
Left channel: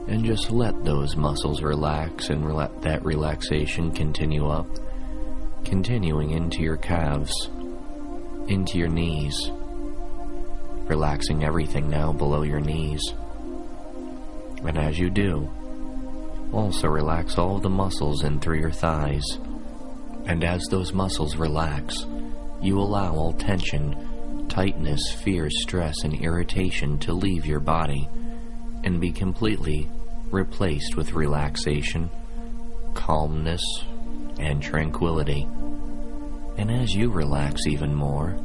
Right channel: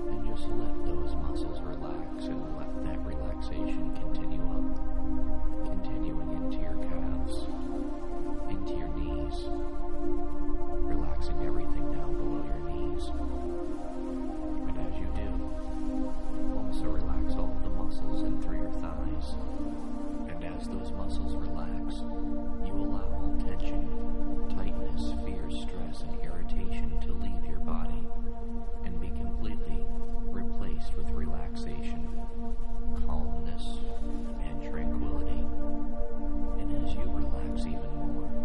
And just let those muscles relax and let that relaxation continue up, continuing into your calves, into your knees, relaxing everything now below your knees. And as you do, also relax all the muscles in through your thighs. And as those muscles relax, you allow all tension, tightness, fear, stress, and irritation to leave your body and be completely replaced with relaxation, calmness, and tranquility. And as you relax even more,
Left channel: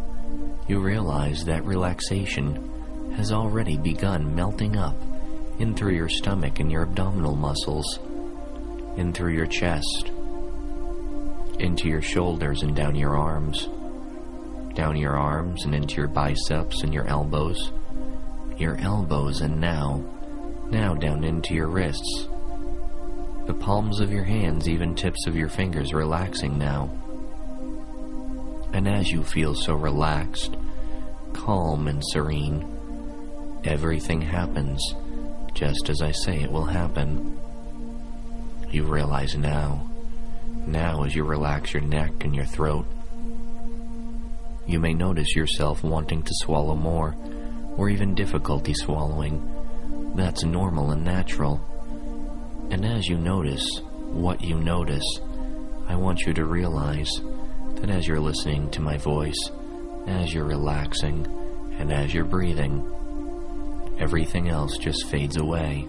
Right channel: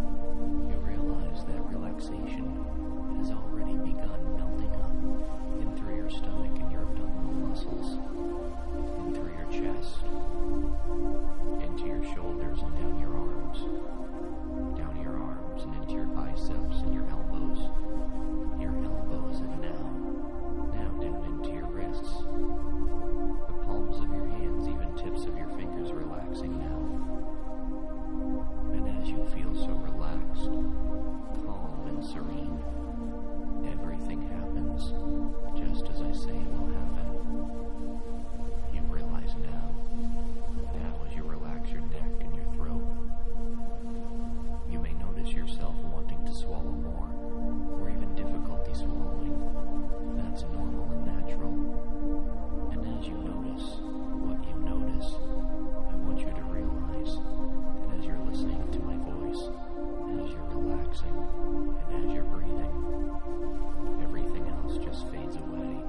you realize that relaxation has already begun melting up in through your stomach and your abdominal muscles, in through your chest, into your shoulders and down your arms and into your biceps and your elbows and now down into your wrists, the palms of your hands, even tips of your fingers relaxing now. And as you feel so relaxed, calm and serene, everything happens just as I say it will happen. You realize now as you relax your neck and your throat, you may notice yourself wanting to swallow more, or even difficulty swallowing. That's normal and natural. And as you notice what you notice, I want you to realize that as you're listening to my voice, as you're relaxing, and as you're breathing, everything else just fades away,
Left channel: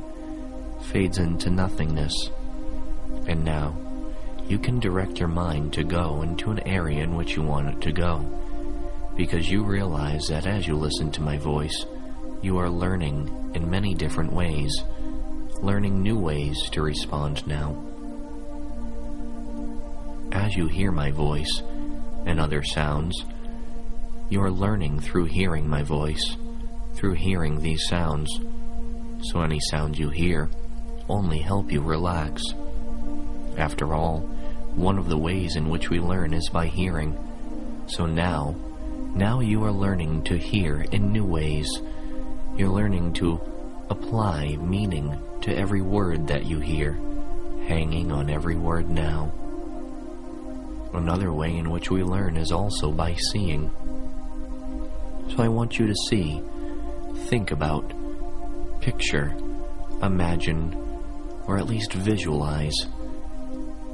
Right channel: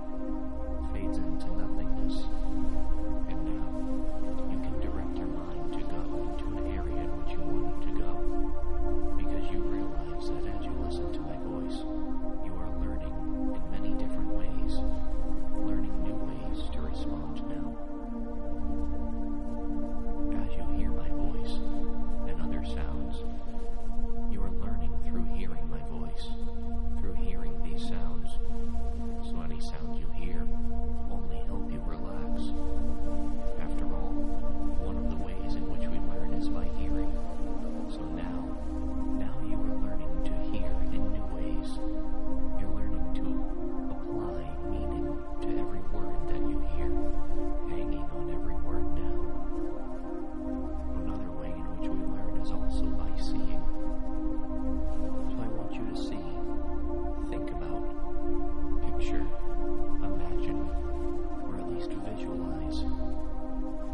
fades into nothingness. And now, you can direct your mind to go into an area in which you want it to go, because you realize that as you listen to my voice, you are learning in many different ways, learning new ways to respond now. As you hear my voice and other sounds, you are learning through hearing my voice, through hearing these sounds. So any sound you hear only help you relax. After all, one of the ways in which we learn is by hearing. So now you are learning to hear in new ways. You're learning to apply meaning to every word that you hear, hanging on every word now. Another way in which we learn is also by seeing. So I want you to see, think about, picture, imagine, or at least visualize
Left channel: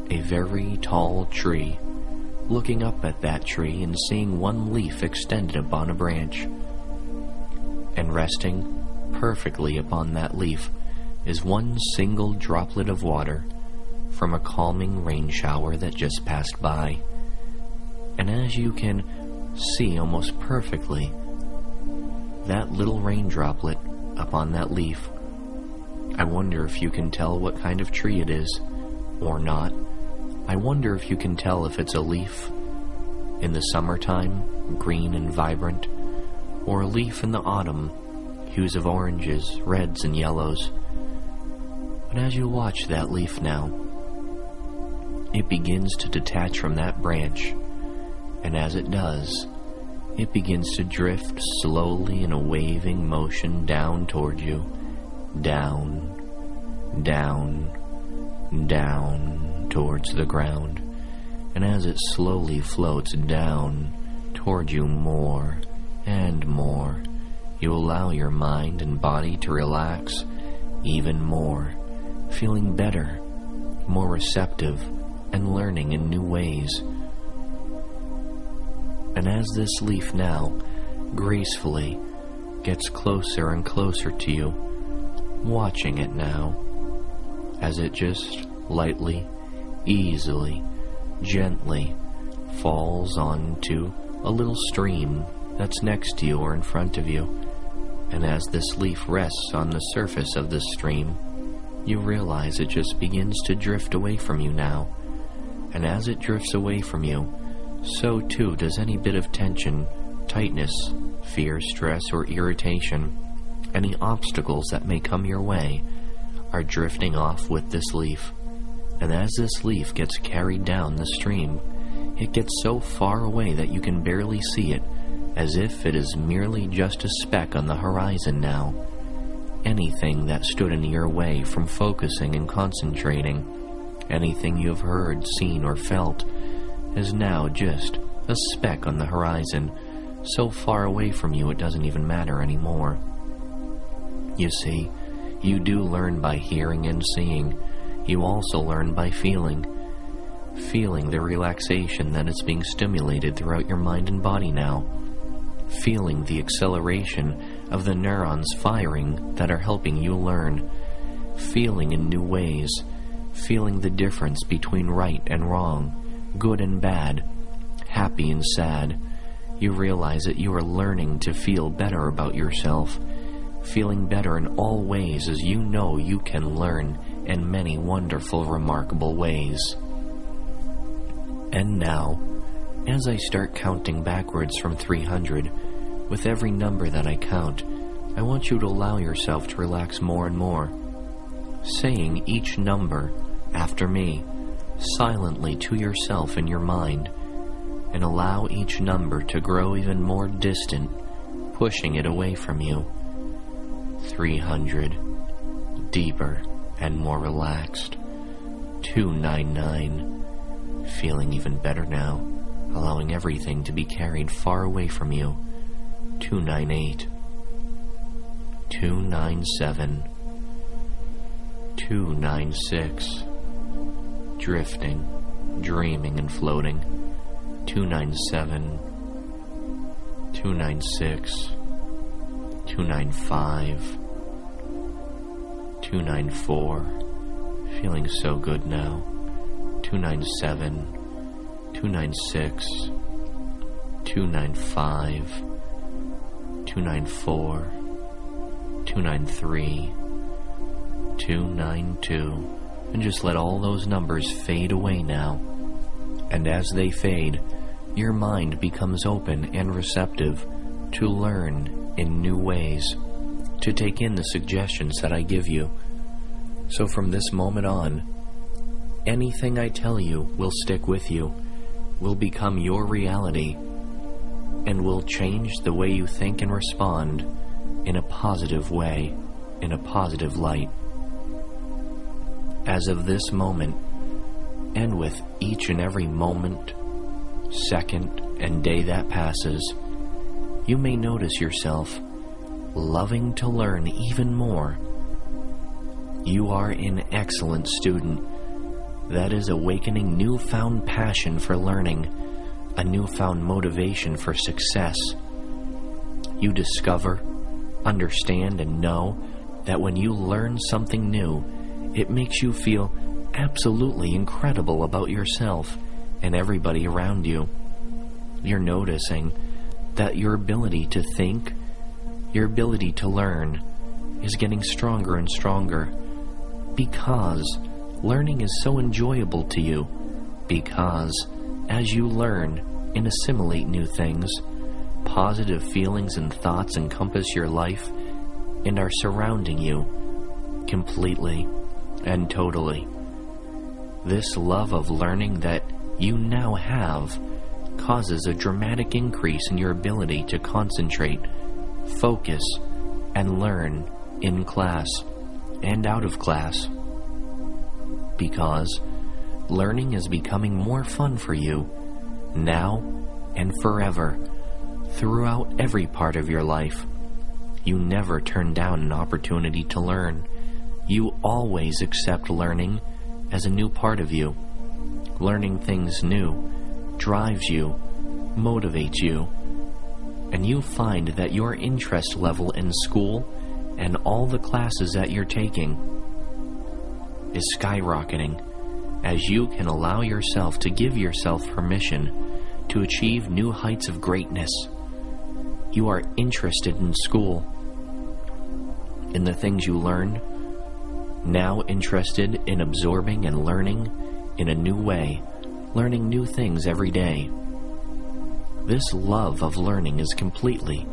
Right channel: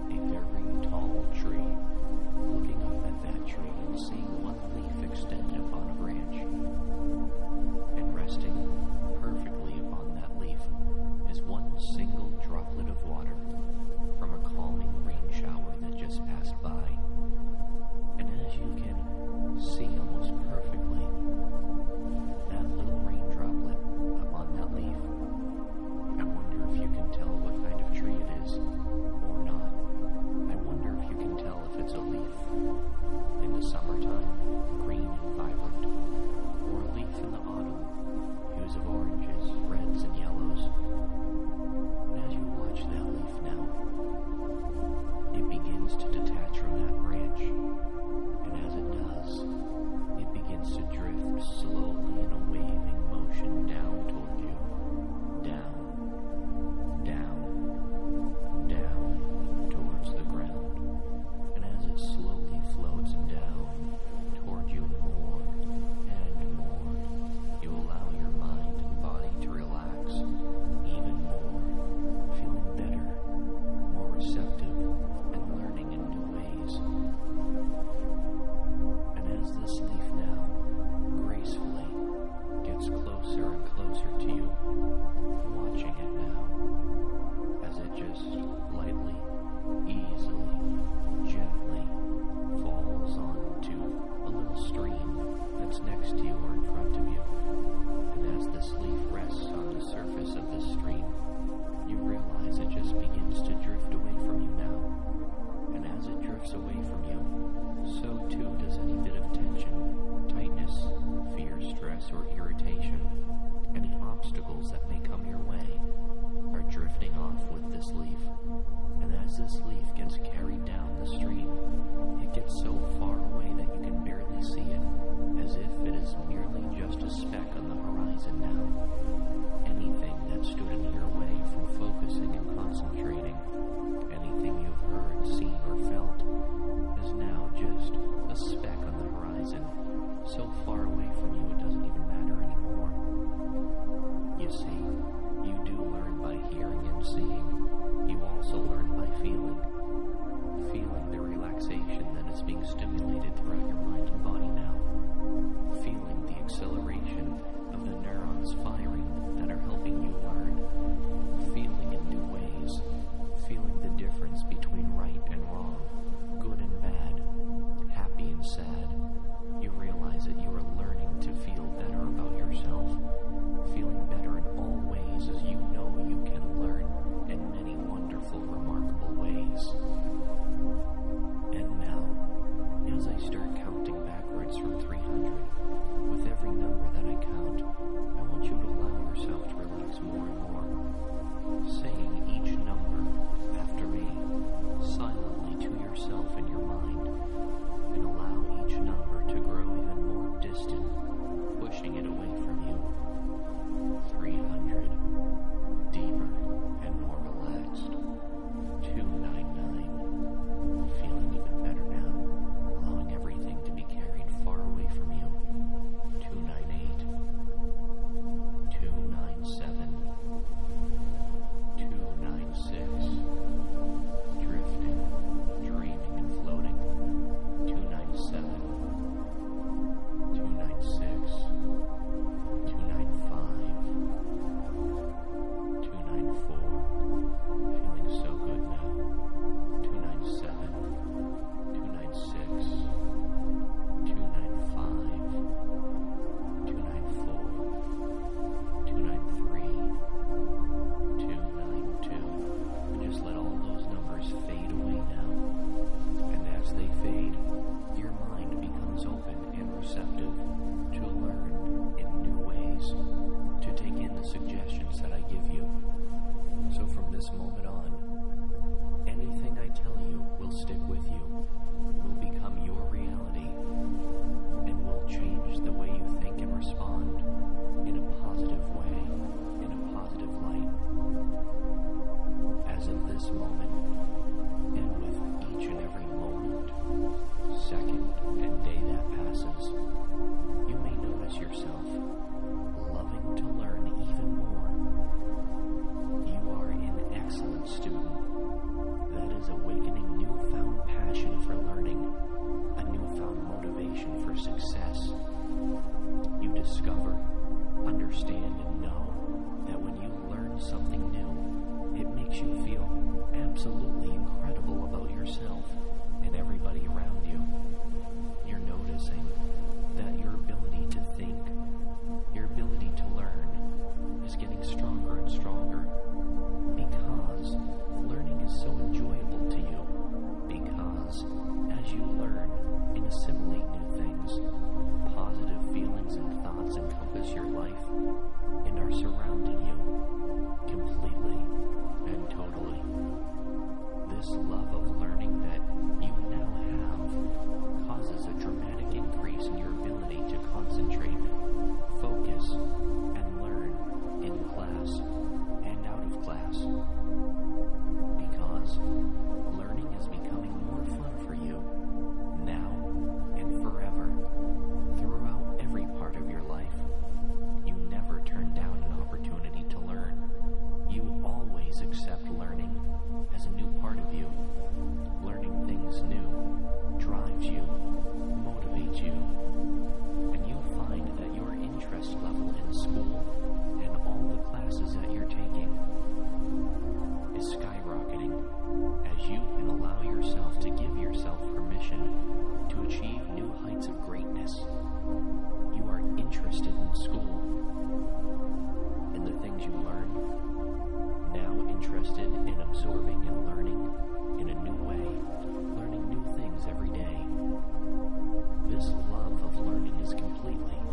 a very tall tree, looking up at that tree and seeing one leaf extended upon a branch. And resting perfectly upon that leaf is one single droplet of water from a calming rain shower that just passed by. And as you can see almost perfectly, that little rain droplet upon that leaf, I wonder if you can tell what kind of tree it is, or not. I wonder if you can tell if it's a leaf in the summertime, green and vibrant, or a leaf in the autumn, hues of oranges, reds, and yellows. But as you watch that leaf now, it begins to detach from that branch, and as it does, it begins to drift slowly in a waving motion down toward you, down, down, down towards the ground. And as it slowly floats down toward you more and more, you allow your mind and body to relax even more, feeling better, more receptive, and learning in new ways. And as this leaf now gracefully gets closer and closer to you, watching it now, as it just lightly, easily, gently falls onto a little stream that's next to you or in front of you, and as this leaf rests on the surface of this stream, you realize it just begins to drift away from you now. And as it drifts away from you, so too does any bit of tension, tightness, fear, stress, or irritation. Any obstacles that may come your way are drifting off with this leaf. And as this leaf gets carried down the stream, it gets so far away that you can barely see it, as if it is merely just a speck on the horizon now. Anything that stood in your way from focusing and concentrating, anything you have heard, seen, or felt, is now just a speck on the horizon, so far away from you it doesn't even matter anymore. You see, you do learn by hearing and seeing. You also learn by feeling the relaxation that is being stimulated throughout your mind and body now, feeling the acceleration of the neurons firing that are helping you learn, feeling in new ways, feeling the difference between right and wrong, good and bad, happy and sad. You realize that you are learning to feel better about yourself, feeling better in all ways, as you know you can learn in many wonderful, remarkable ways. And now, as I start counting backwards from 300, with every number that I count, I want you to allow yourself to relax more and more, saying each number after me, silently to yourself in your mind, and allow each number to grow even more distant, pushing it away from you. 300, deeper and more relaxed. 299, feeling even better now, allowing everything to be carried far away from you. 298, 297, 296, drifting, dreaming and floating. 297, 296, 295, 294, feeling so good now. 297, 296, 295, 294, 293, 292, and just let all those numbers fade away now. And as they fade, your mind becomes open and receptive to learn in new ways, to take in the suggestions that I give you. So from this moment on, anything I tell you will stick with you, will become your reality, and will change the way you think and respond in a positive way, in a positive light. As of this moment, and with each and every moment, second, and day that passes, you may notice yourself loving to learn even more. You are an excellent student that is awakening newfound passion for learning, a newfound motivation for success. You discover, understand, and know that when you learn something new, it makes you feel absolutely incredible about yourself and everybody around you. You're noticing that your ability to think, your ability to learn, is getting stronger and stronger, because learning is so enjoyable to you, because as you learn and assimilate new things, positive feelings and thoughts encompass your life and are surrounding you completely and totally. This love of learning that you now have causes a dramatic increase in your ability to concentrate, focus, and learn in class and out of class, because learning is becoming more fun for you now and forever, throughout every part of your life. You never turn down an opportunity to learn. You always accept learning as a new part of you. Learning things new drives you, motivates you, and you find that your interest level in school and all the classes that you're taking is skyrocketing as you can allow yourself to give yourself permission to achieve new heights of greatness. You are interested in school, in the things you learn, now interested in absorbing and learning in a new way, learning new things every day. This love of learning is completely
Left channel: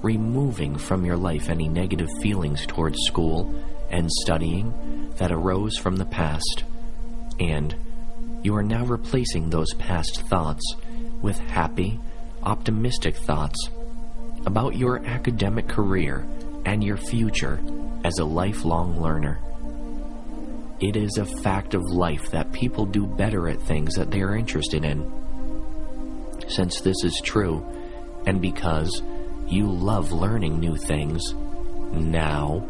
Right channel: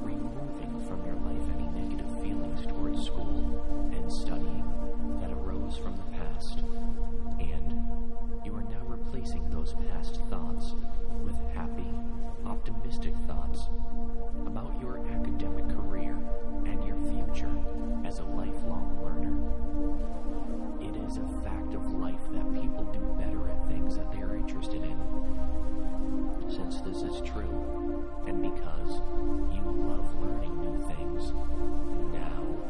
removing from your life any negative feelings towards school and studying that arose from the past, and you are now replacing those past thoughts with happy, optimistic thoughts about your academic career and your future as a lifelong learner. It is a fact of life that people do better at things that they are interested in. Since this is true, and because you love learning new things, now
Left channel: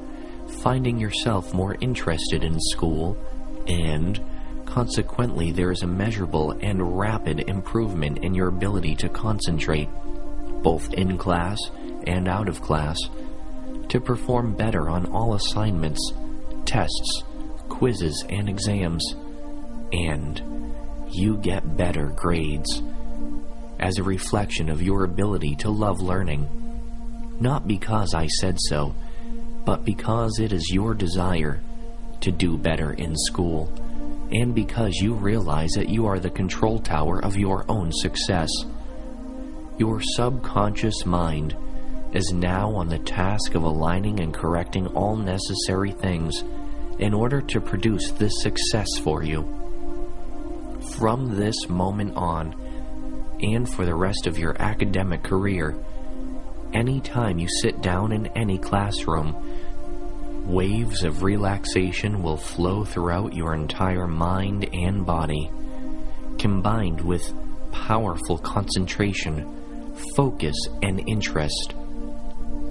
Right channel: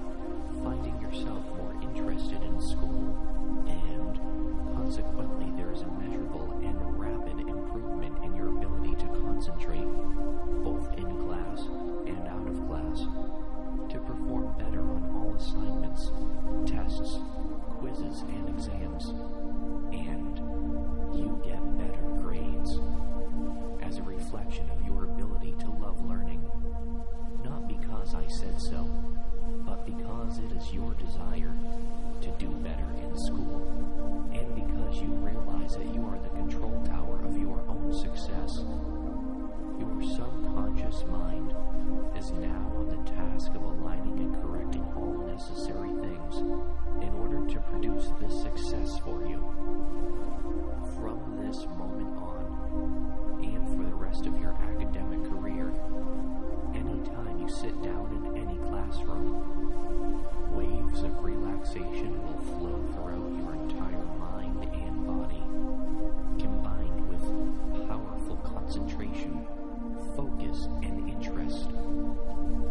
finding yourself more interested in school, and consequently there is a measurable and rapid improvement in your ability to concentrate, both in class and out of class, to perform better on all assignments, tests, quizzes, and exams, and you get better grades as a reflection of your ability to love learning, not because I said so, but because it is your desire to do better in school, and because you realize that you are the control tower of your own success. Your subconscious mind is now on the task of aligning and correcting all necessary things in order to produce this success for you. From this moment on, and for the rest of your academic career, anytime you sit down in any classroom, waves of relaxation will flow throughout your entire mind and body, combined with powerful concentration, focus, and interest.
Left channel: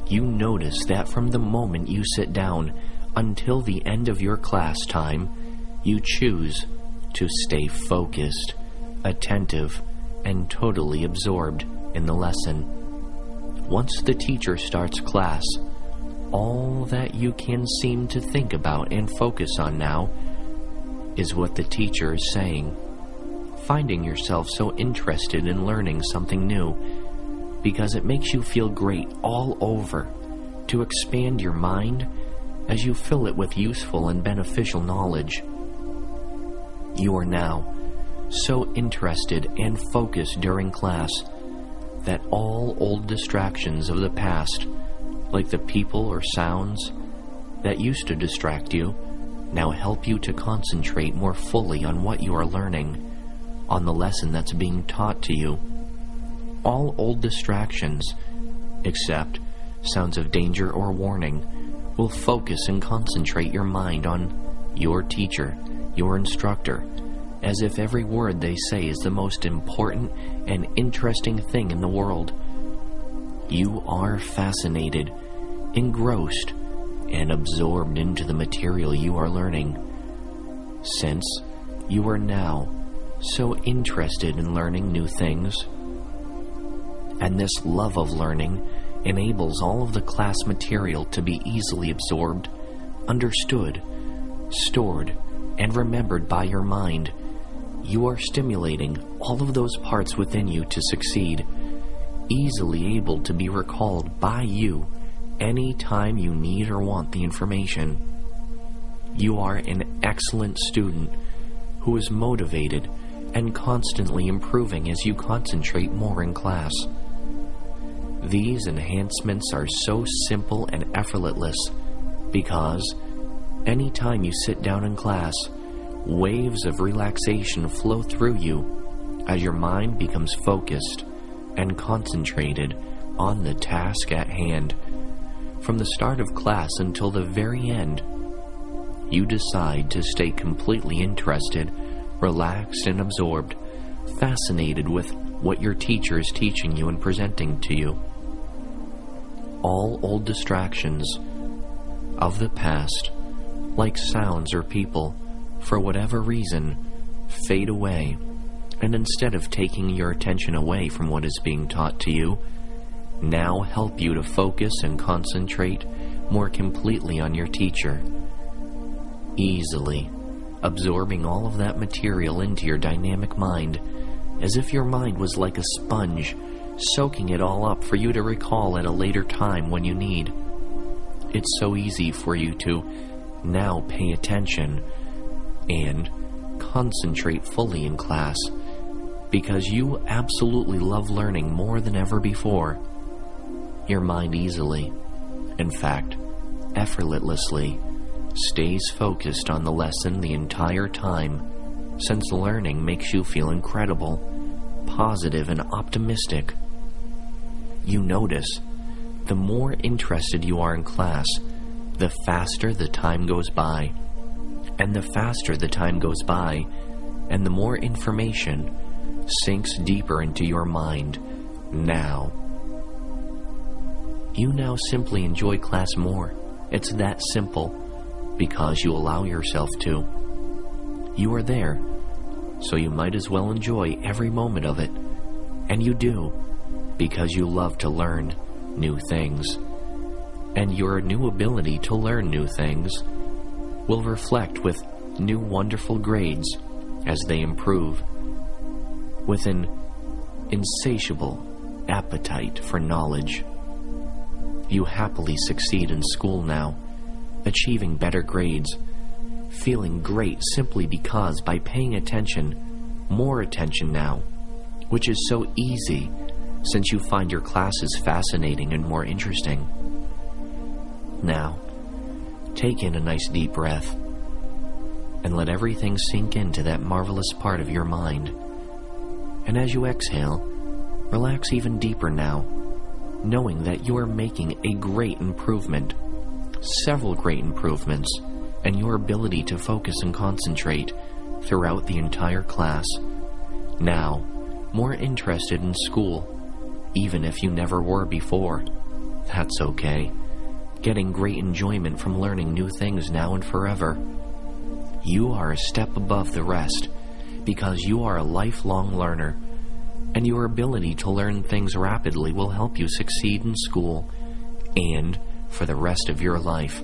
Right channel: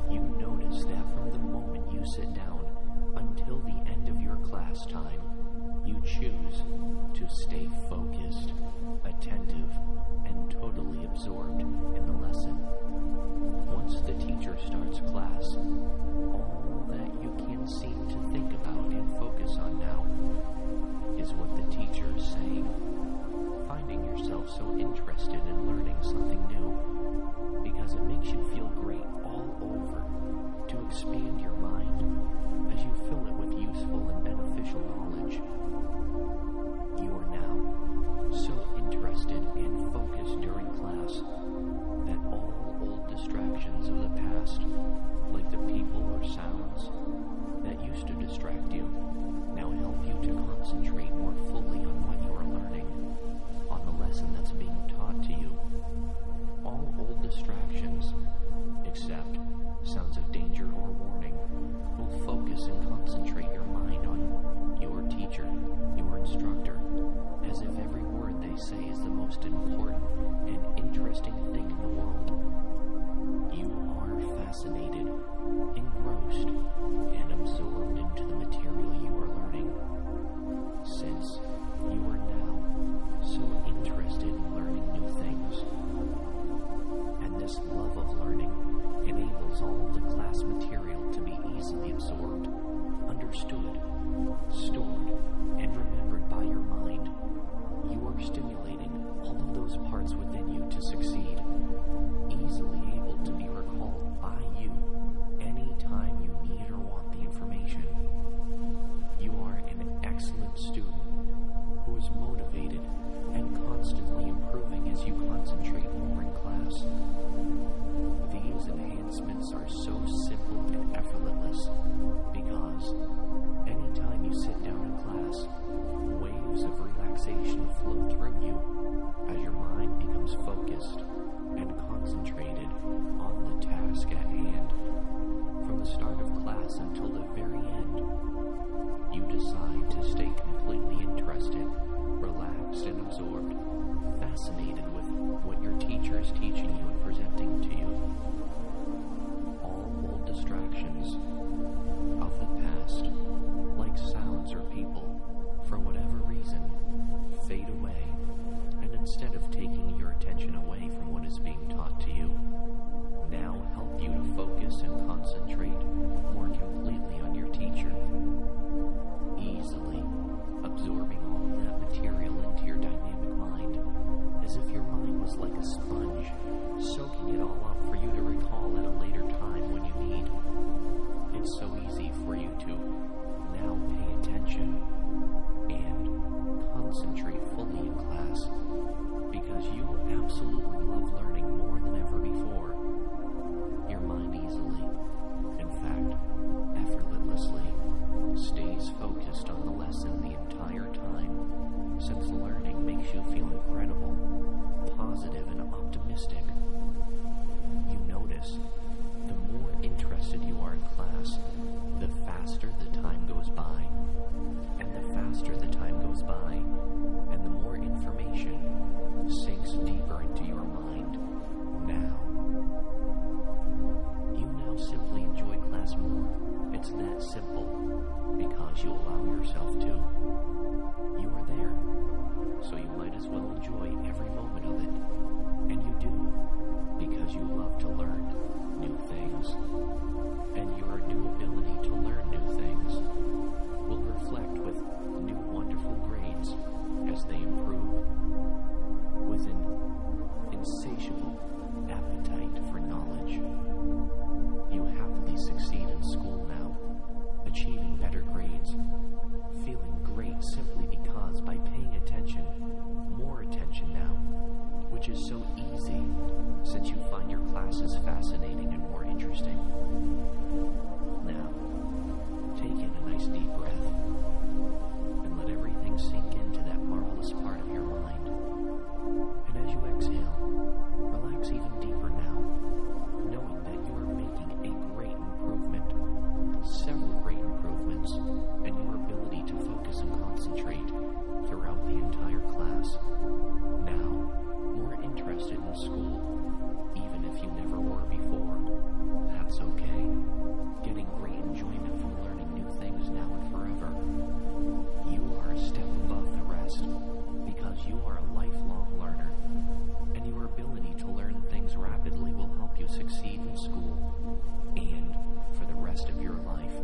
You notice that from the moment you sit down until the end of your class time, you choose to stay focused, attentive, and totally absorbed in the lesson. Once the teacher starts class, all that you can seem to think about and focus on now is what the teacher is saying, finding yourself so interested in learning something new because it makes you feel great all over to expand your mind as you fill it with useful and beneficial knowledge. You are now so interested and focused during class that all old distractions of the past, like the people or sounds that used to distract you, now help you to concentrate more fully on what you are learning, on the lesson that's being taught to you. All old distractions, except sounds of danger or warning, will focus and concentrate your mind on your teacher, your instructor, as if every word they say is the most important and interesting thing in the world. You are fascinated, engrossed, and absorbed into the material you are learning, since you are now so interested in learning new things. And this love of learning enables all of the class material to be easily absorbed, understood, stored, and remembered by your mind. You are stimulating all of those parts within you to succeed, easily able to be recalled by you any time you need or want the information. You are an excellent student who is motivated and constantly improving as you concentrate more in class. These enhancements are so simple and effortless because anytime you sit down in class, waves of relaxation flow through you as your mind becomes focused and concentrated on the task at hand. From the start of class until the very end, you decide to stay completely interested, relaxed, and absorbed, fascinated with what your teacher is teaching you and presenting to you. All old distractions of the past, like sounds or people, for whatever reason, fade away, and instead of taking your attention away from what is being taught to you, now help you to focus and concentrate more completely on your teacher, easily absorbing all of that material into your dynamic mind as if your mind was like a sponge, soaking it all up for you to recall at a later time when you need. It's so easy for you to now pay attention and concentrate fully in class because you absolutely love learning more than ever before. Your mind easily, in fact, effortlessly, stays focused on the lesson the entire time, since learning makes you feel incredible, positive, and optimistic. You notice, the more interested you are in class, the faster the time goes by. And the faster the time goes by, and the more information sinks deeper into your mind now. You now simply enjoy class more. It's that simple, because you allow yourself to. You are there, so you might as well enjoy every moment of it. And you do, because you love to learn new things. And your new ability to learn new things will reflect with new wonderful grades as they improve, with an insatiable appetite for knowledge. You happily succeed in school now, achieving better grades, feeling great simply because by paying attention, more attention now, which is so easy since you find your classes fascinating and more interesting. Now, take in a nice deep breath and let everything sink into that marvelous part of your mind. And as you exhale, relax even deeper now, knowing that you are making a great improvement, several great improvements, in your ability to focus and concentrate throughout the entire class. Now, more interested in school, even if you never were before. That's okay. Getting great enjoyment from learning new things now and forever. You are a step above the rest because you are a lifelong learner, and your ability to learn things rapidly will help you succeed in school and for the rest of your life.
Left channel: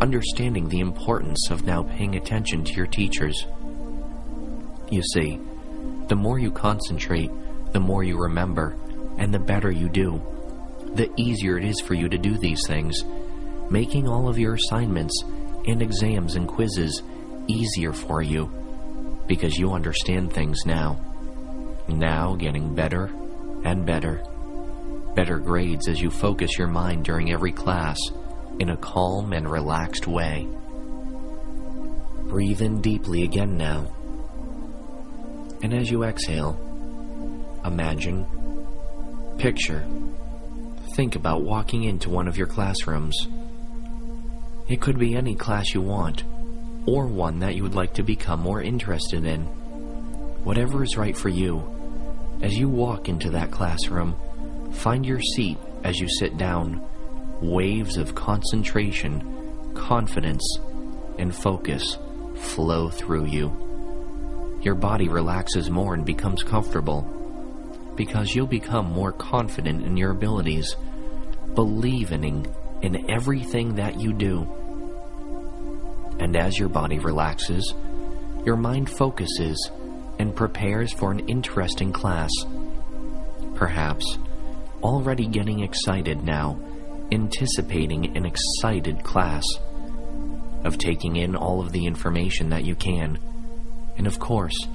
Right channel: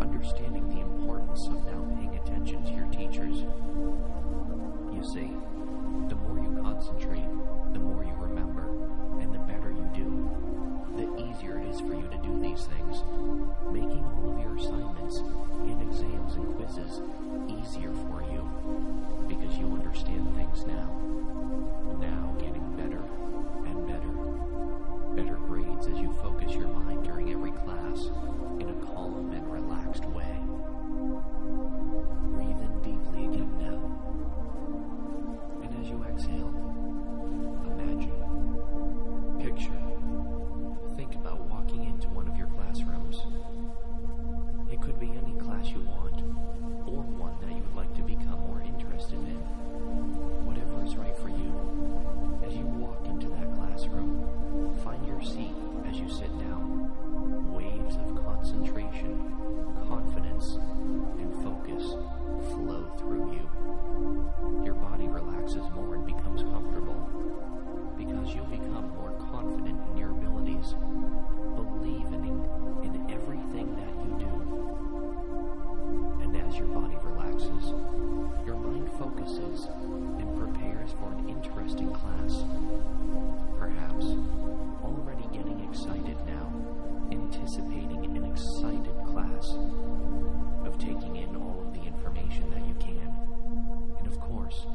Understanding the importance of now paying attention to your teachers. You see, the more you concentrate, the more you remember, and the better you do. The easier it is for you to do these things, making all of your assignments and exams and quizzes easier for you because you understand things now. Now getting better and better. Better grades as you focus your mind during every class in a calm and relaxed way. Breathe in deeply again now. And as you exhale, imagine, picture, think about walking into one of your classrooms. It could be any class you want, or one that you would like to become more interested in. Whatever is right for you. As you walk into that classroom, find your seat as you sit down. Waves of concentration, confidence, and focus flow through you. Your body relaxes more and becomes comfortable, because you'll become more confident in your abilities, believing in everything that you do. And as your body relaxes, your mind focuses and prepares for an interesting class. Perhaps already getting excited now, anticipating an excited class, of taking in all of the information that you can. And of course,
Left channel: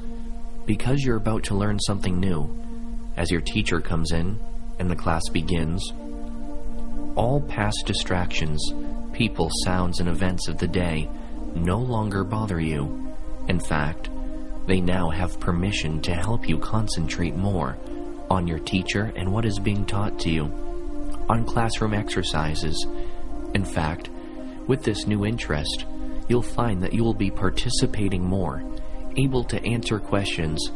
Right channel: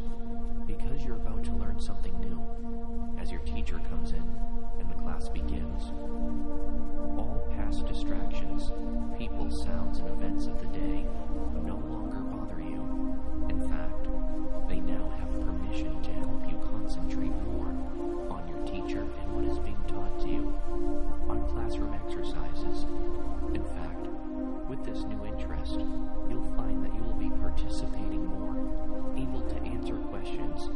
because you're about to learn something new, as your teacher comes in and the class begins, all past distractions, people, sounds, and events of the day no longer bother you. In fact, they now have permission to help you concentrate more on your teacher and what is being taught to you, on classroom exercises. In fact, with this new interest, you'll find that you will be participating more, able to answer questions,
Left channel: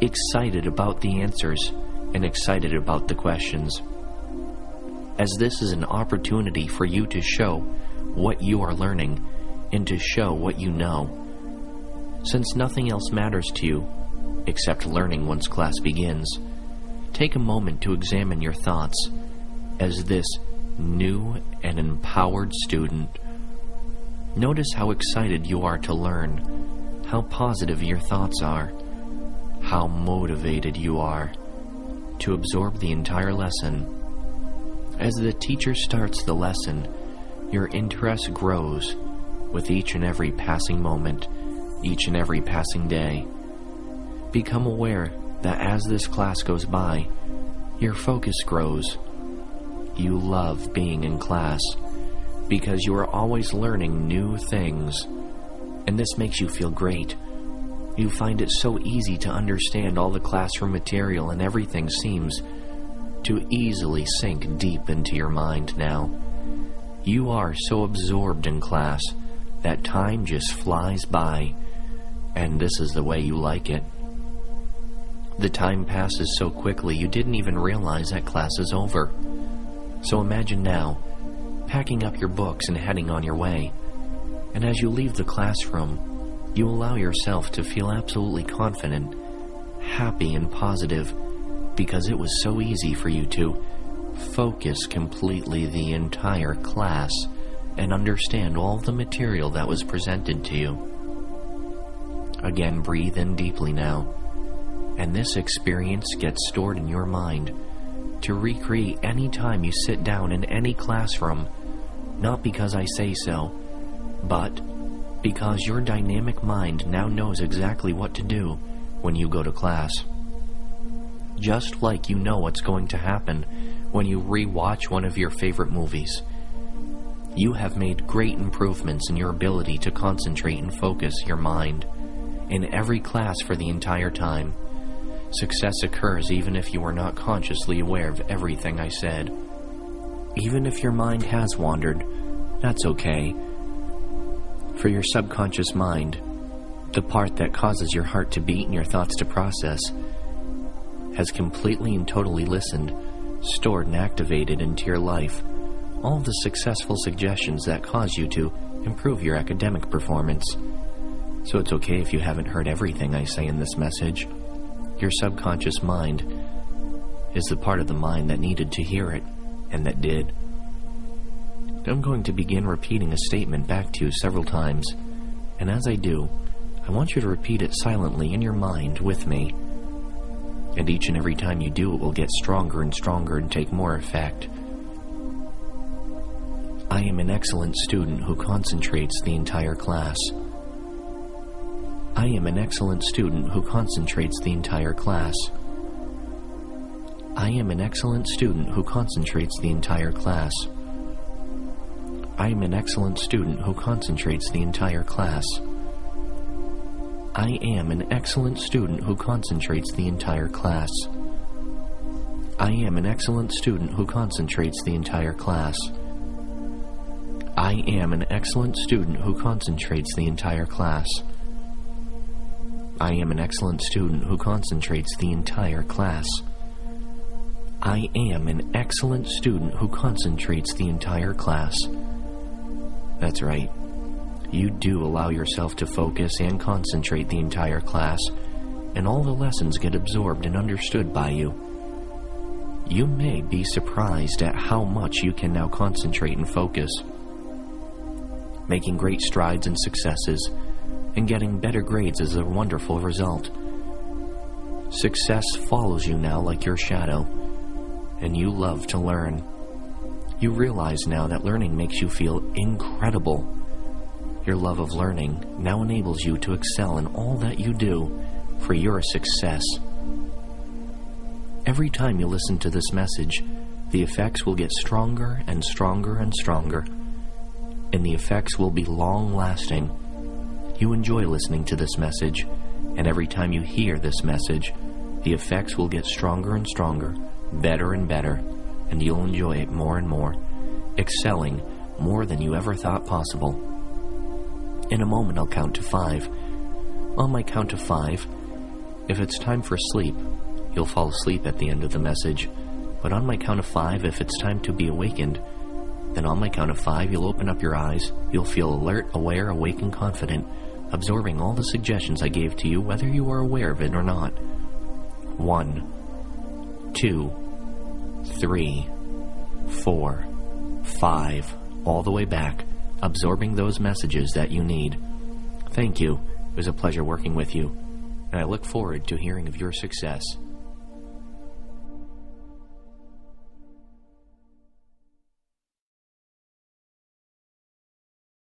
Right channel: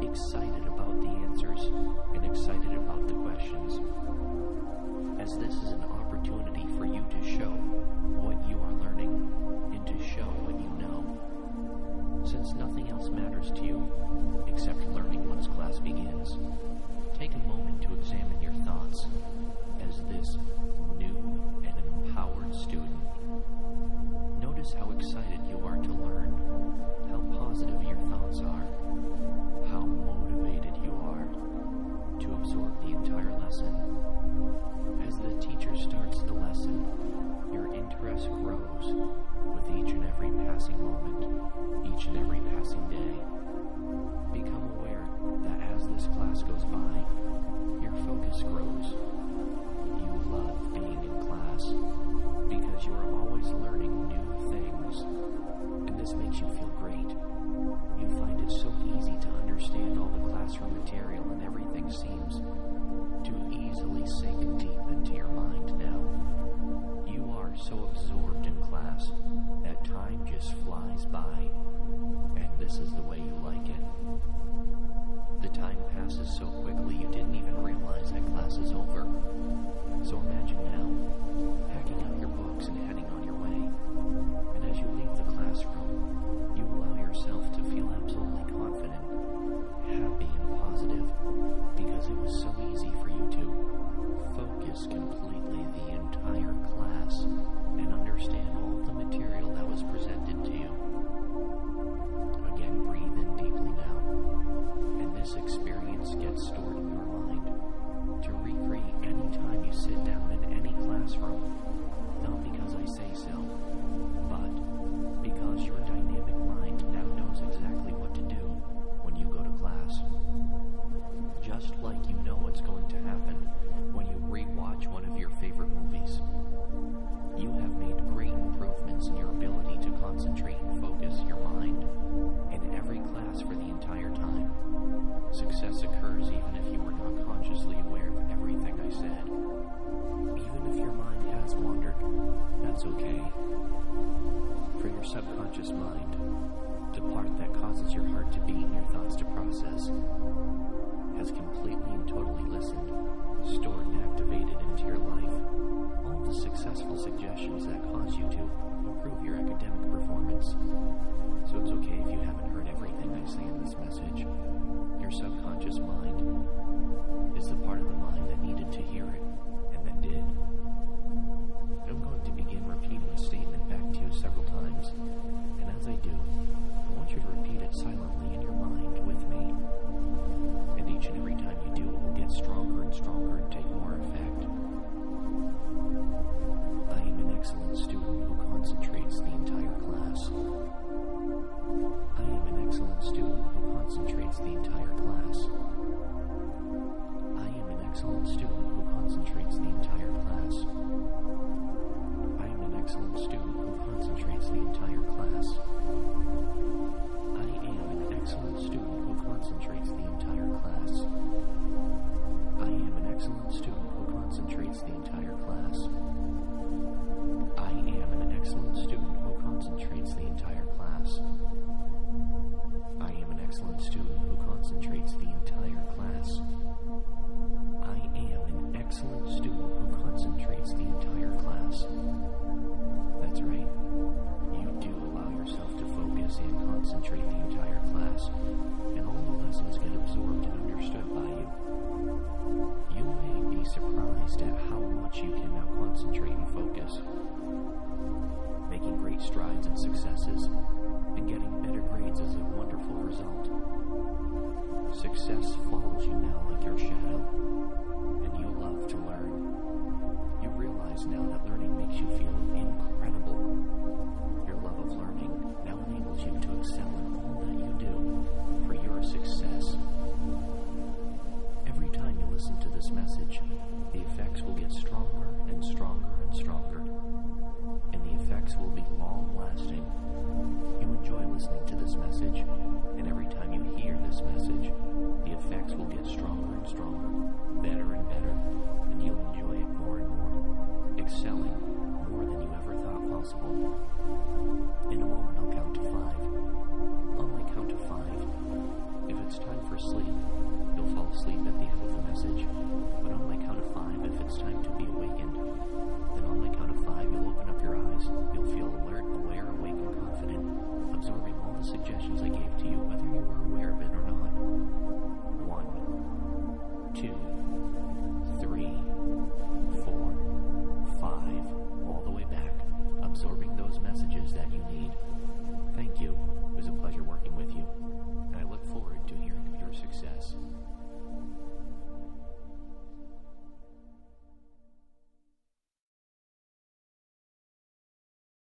excited about the answers, and excited about the questions, as this is an opportunity for you to show what you are learning and to show what you know. Since nothing else matters to you except learning once class begins, take a moment to examine your thoughts as this new and empowered student. Notice how excited you are to learn, how positive your thoughts are, how motivated you are to absorb the entire lesson. As the teacher starts the lesson, your interest grows with each and every passing moment, each and every passing day. Become aware that as this class goes by, your focus grows. You love being in class because you are always learning new things, and this makes you feel great. You find it so easy to understand all the classroom material, and everything seems to easily sink deep into your mind now. You are so absorbed in class that time just flies by, and this is the way you like it. The time passes so quickly you didn't even realize that class is over. So imagine now, packing up your books and heading on your way. And as you leave the classroom, you allow yourself to feel absolutely confident, happy and positive, because it was so easy for you to focus completely the entire class and understand all the material that was presented to you. Again, breathe in deeply now, and this experience gets stored in your mind to recreate any time you sit down in any classroom, not because I say so, but because your dynamic mind now knows exactly what to do when you go to class. Just like you know what's going to happen when you re-watch one of your favorite movies. You have made great improvements in your ability to concentrate and focus your mind in every class for the entire time. Success occurs even if you are not consciously aware of everything I said. Even if your mind has wandered, that's okay. For your subconscious mind, the part that causes your heart to beat and your thoughts to process, has completely and totally listened, stored and activated into your life all of the successful suggestions that cause you to improve your academic performance. So it's okay if you haven't heard everything I say in this message. Your subconscious mind is the part of the mind that needed to hear it, and that did. I'm going to begin repeating a statement back to you several times, and as I do, I want you to repeat it silently in your mind with me. And each and every time you do, it will get stronger and stronger and take more effect. I am an excellent student who concentrates the entire class. I am an excellent student who concentrates the entire class. I am an excellent student who concentrates the entire class. I am an excellent student who concentrates the entire class. I am an excellent student who concentrates the entire class. I am an excellent student who concentrates the entire class. I am an excellent student who concentrates the entire class. I am an excellent student who concentrates the entire class. I am an excellent student who concentrates the entire class. That's right. You do allow yourself to focus and concentrate the entire class, and all the lessons get absorbed and understood by you. You may be surprised at how much you can now concentrate and focus, making great strides and successes, and getting better grades as a wonderful result. Success follows you now like your shadow, and you love to learn. You realize now that learning makes you feel incredible. Your love of learning now enables you to excel in all that you do for your success. Every time you listen to this message, the effects will get stronger and stronger and stronger, and the effects will be long-lasting. You enjoy listening to this message, and every time you hear this message, the effects will get stronger and stronger, better and better, and you'll enjoy it more and more, excelling more than you ever thought possible. In a moment, I'll count to 5. On my count of 5, if it's time for sleep, you'll fall asleep at the end of the message. But on my count of 5, if it's time to be awakened, then on my count of 5, you'll open up your eyes. You'll feel alert, aware, awake, and confident, absorbing all the suggestions I gave to you, whether you are aware of it or not. 1, 2, 3, 4, 5, all the way back, absorbing those messages that you need. Thank you. It was a pleasure working with you. and I look forward to hearing of your success.